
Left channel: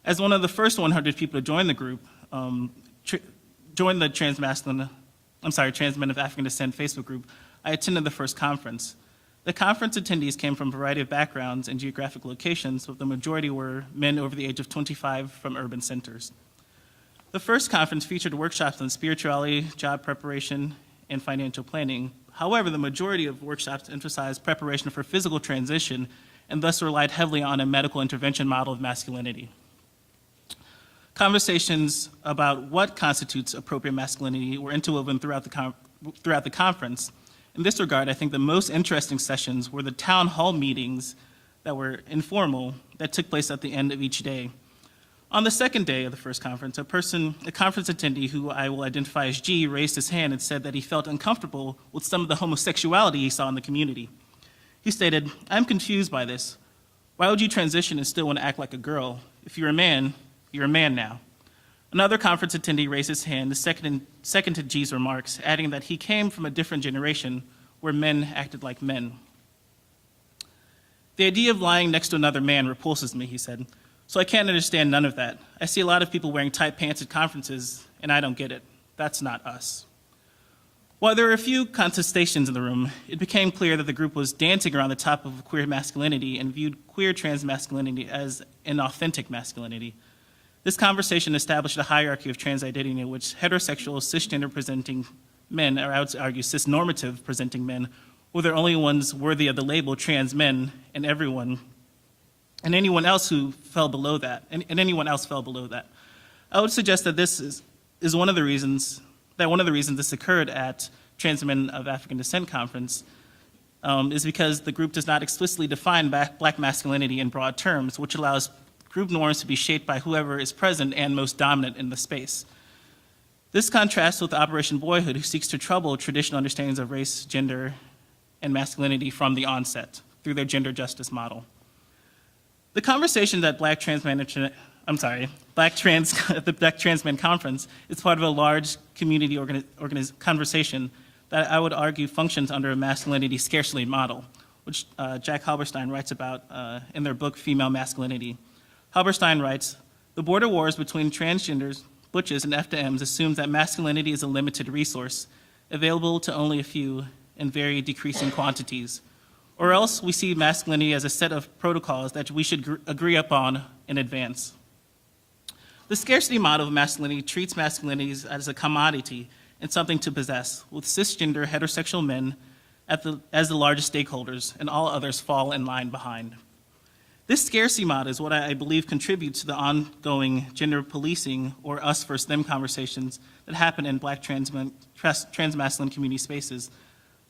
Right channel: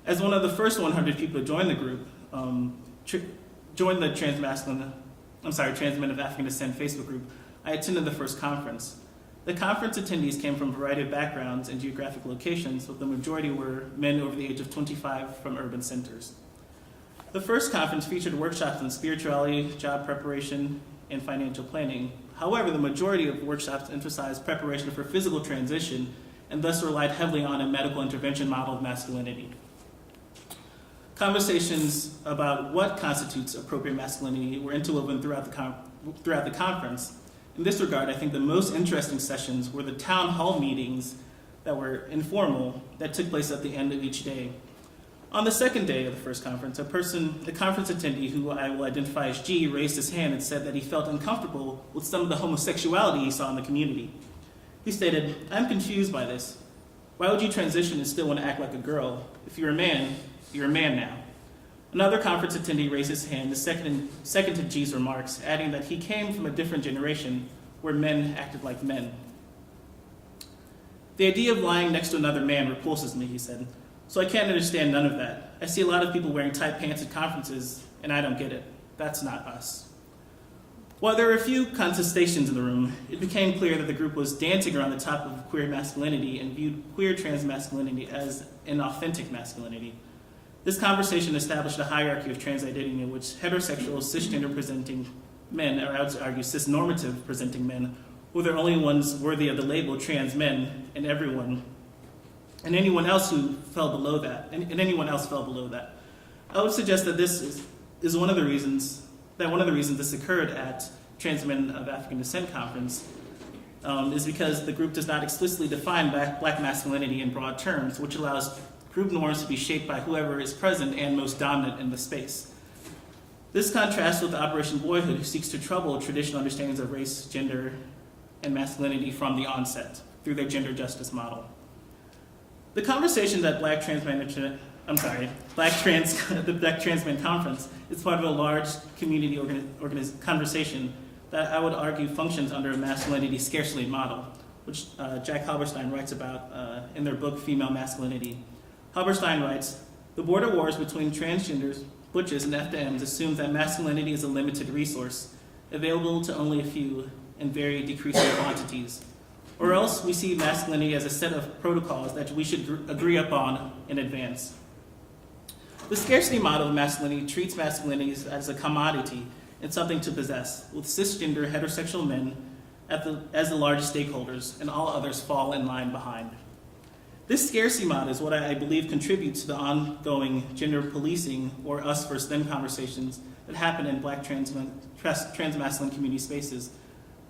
As one of the first 100 people to join the group, join the Trans Men of African Descent Facebook group, I attended the first conference. The conference attendees came from a variety of backgrounds and geographic locations, but the majority were men over the age of 25 from urban centers. The first conference featured workshops on spirituality, job preparation, and financial planning. However, the majority of workshops emphasized preparation for physical transition and thus relied heavily on a medical intervention model of masculinity. Conversations about what constitutes appropriate masculinity were interwoven throughout the conference. In this regard, I think the most interesting sessions were the town hall meetings that were informal that took place at the end of each day. On the second day of the first conference, a conference attendee who I will identify as G raised his hand and said that he felt uncomfortable with some of the homosexuality he saw in the community. He stated, "I'm confused by this. Why would you transition and still want to act like a girl? If you're a man, you're a man now." Another conference attendee raised his hand, second to G's remarks, adding that he came from a different generation where men acted like men. "The idea of lying next to another man repulses me," he said. "So I can't understand none of that. I see a lot of people wearing tight pants at conferences, and I don't get it. That's not us." While there were a few contestations in the room, it became clear that the group was dancing around the topic of queer masculinity and viewed queer trans masculinity as an authentic masculinity. This conversation established a hierarchy of trans identity in which heterosexual, cisgender presenting men, or I would argue cisnormative presenting men, were the only ones worthy of the label trans men, and anyone else who fell below that, and anyone else fell below that. I would suggest that this is one of the reasons this occurred at Trans Men of African Descent Conference is because the group does not explicitly define Black masculinity in broad terms, which allows group norms to be shaped by whoever is present and most dominant in the space. This contrasts with Operation Boyhood, who seeks to trouble traditional understandings of race, gender, and masculinity from the onset through their gender justice model. The conversation at the Black Trans Men Conference is part of a large community conversation that I would argue functions under a masculinity scarcity model, which Jack Halberstein writes about in their book, Female Masculinity. Halberstein writes, "The border wars between transgenders, butches, and FDMs assumes that masculinity is a limited resource, available to only a few in very decreasing quantities. Or else we see masculinity as a set of protocols that we should agree upon in advance. The scarcity model of masculinity treats masculinity as a commodity and something to possess, with cisgender heterosexual men as the largest stakeholders, and all others fall in line behind. This scarcity model is what I believe contributes to the ongoing gender policing or us versus them conversations that happen in Black transmasculine community spaces,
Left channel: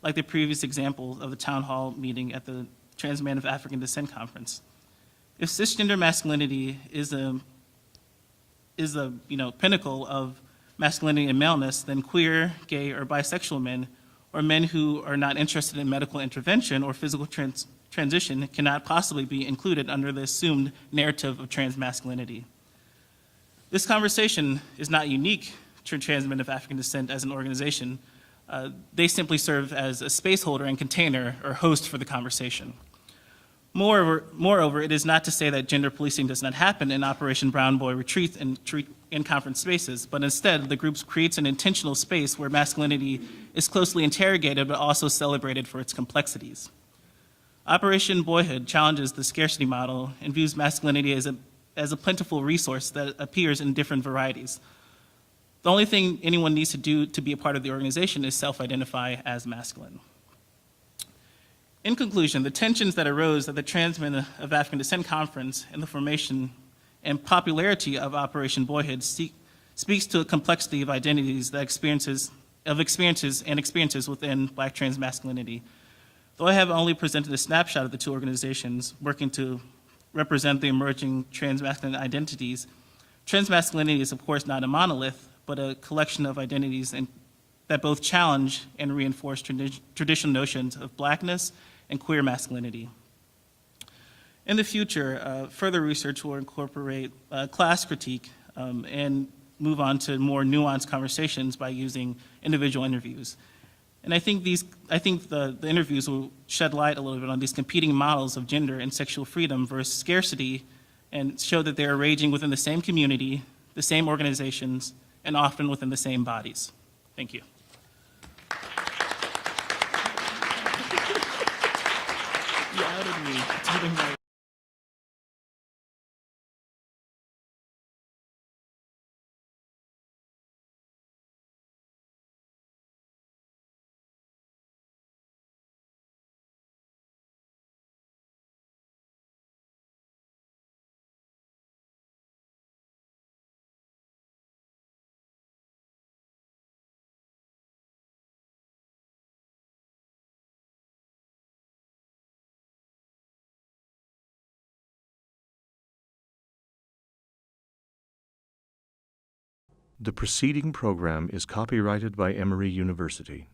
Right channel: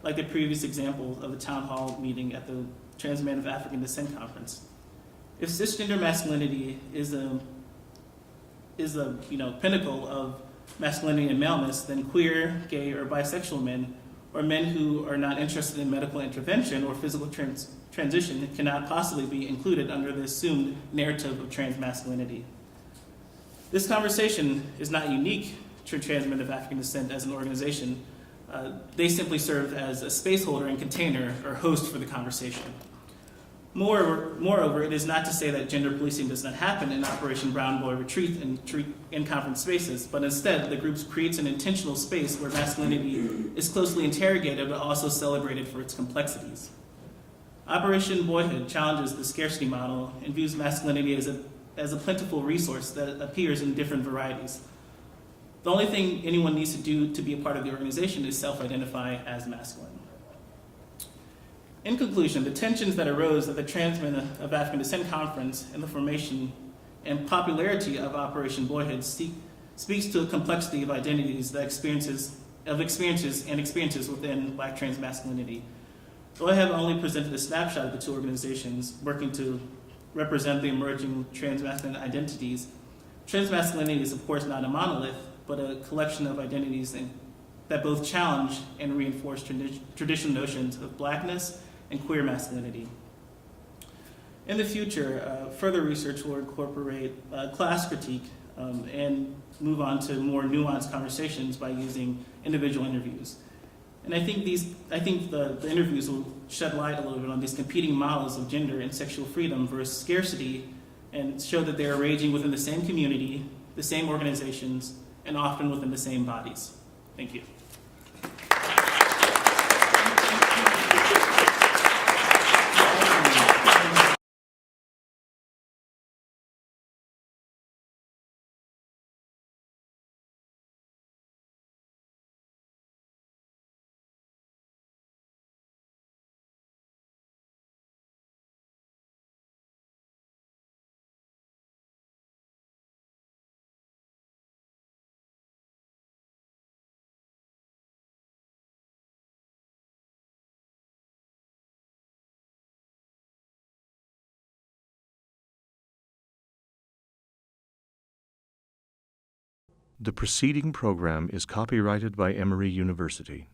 like the previous example of the town hall meeting at the Trans Men of African Descent Conference. If cisgender masculinity is a pinnacle of masculinity and maleness, then queer, gay, or bisexual men, or men who are not interested in medical intervention or physical transition cannot possibly be included under the assumed narrative of transmasculinity. This conversation is not unique to Trans Men of African Descent as an organization. They simply serve as a space holder and container or host for the conversation. Moreover, it is not to say that gender policing does not happen in Operation Brown Boy retreat in conference spaces, but instead the group creates an intentional space where masculinity is closely interrogated but also celebrated for its complexities. Operation Boyhood challenges the scarcity model and views masculinity as a plentiful resource that appears in different varieties. The only thing anyone needs to do to be a part of the organization is self-identify as masculine. In conclusion, the tensions that arose at the Trans Men of African Descent Conference and the formation and popularity of Operation Boyhood speaks to a complexity of identities that experiences within Black transmasculinity. Though I have only presented a snapshot of the two organizations working to represent the emerging transmasculine identities, transmasculinity is of course not a monolith, but a collection of identities that both challenge and reinforce traditional notions of Blackness and queer masculinity. In the future, further research will incorporate class critique and move on to more nuanced conversations by using individual interviews. And I think the interviews will shed light a little bit on these competing models of gender and sexual freedom versus scarcity, and show that they are raging within the same community, the same organizations, and often within the same bodies. Thank you. The preceding program is copyrighted by Emory University.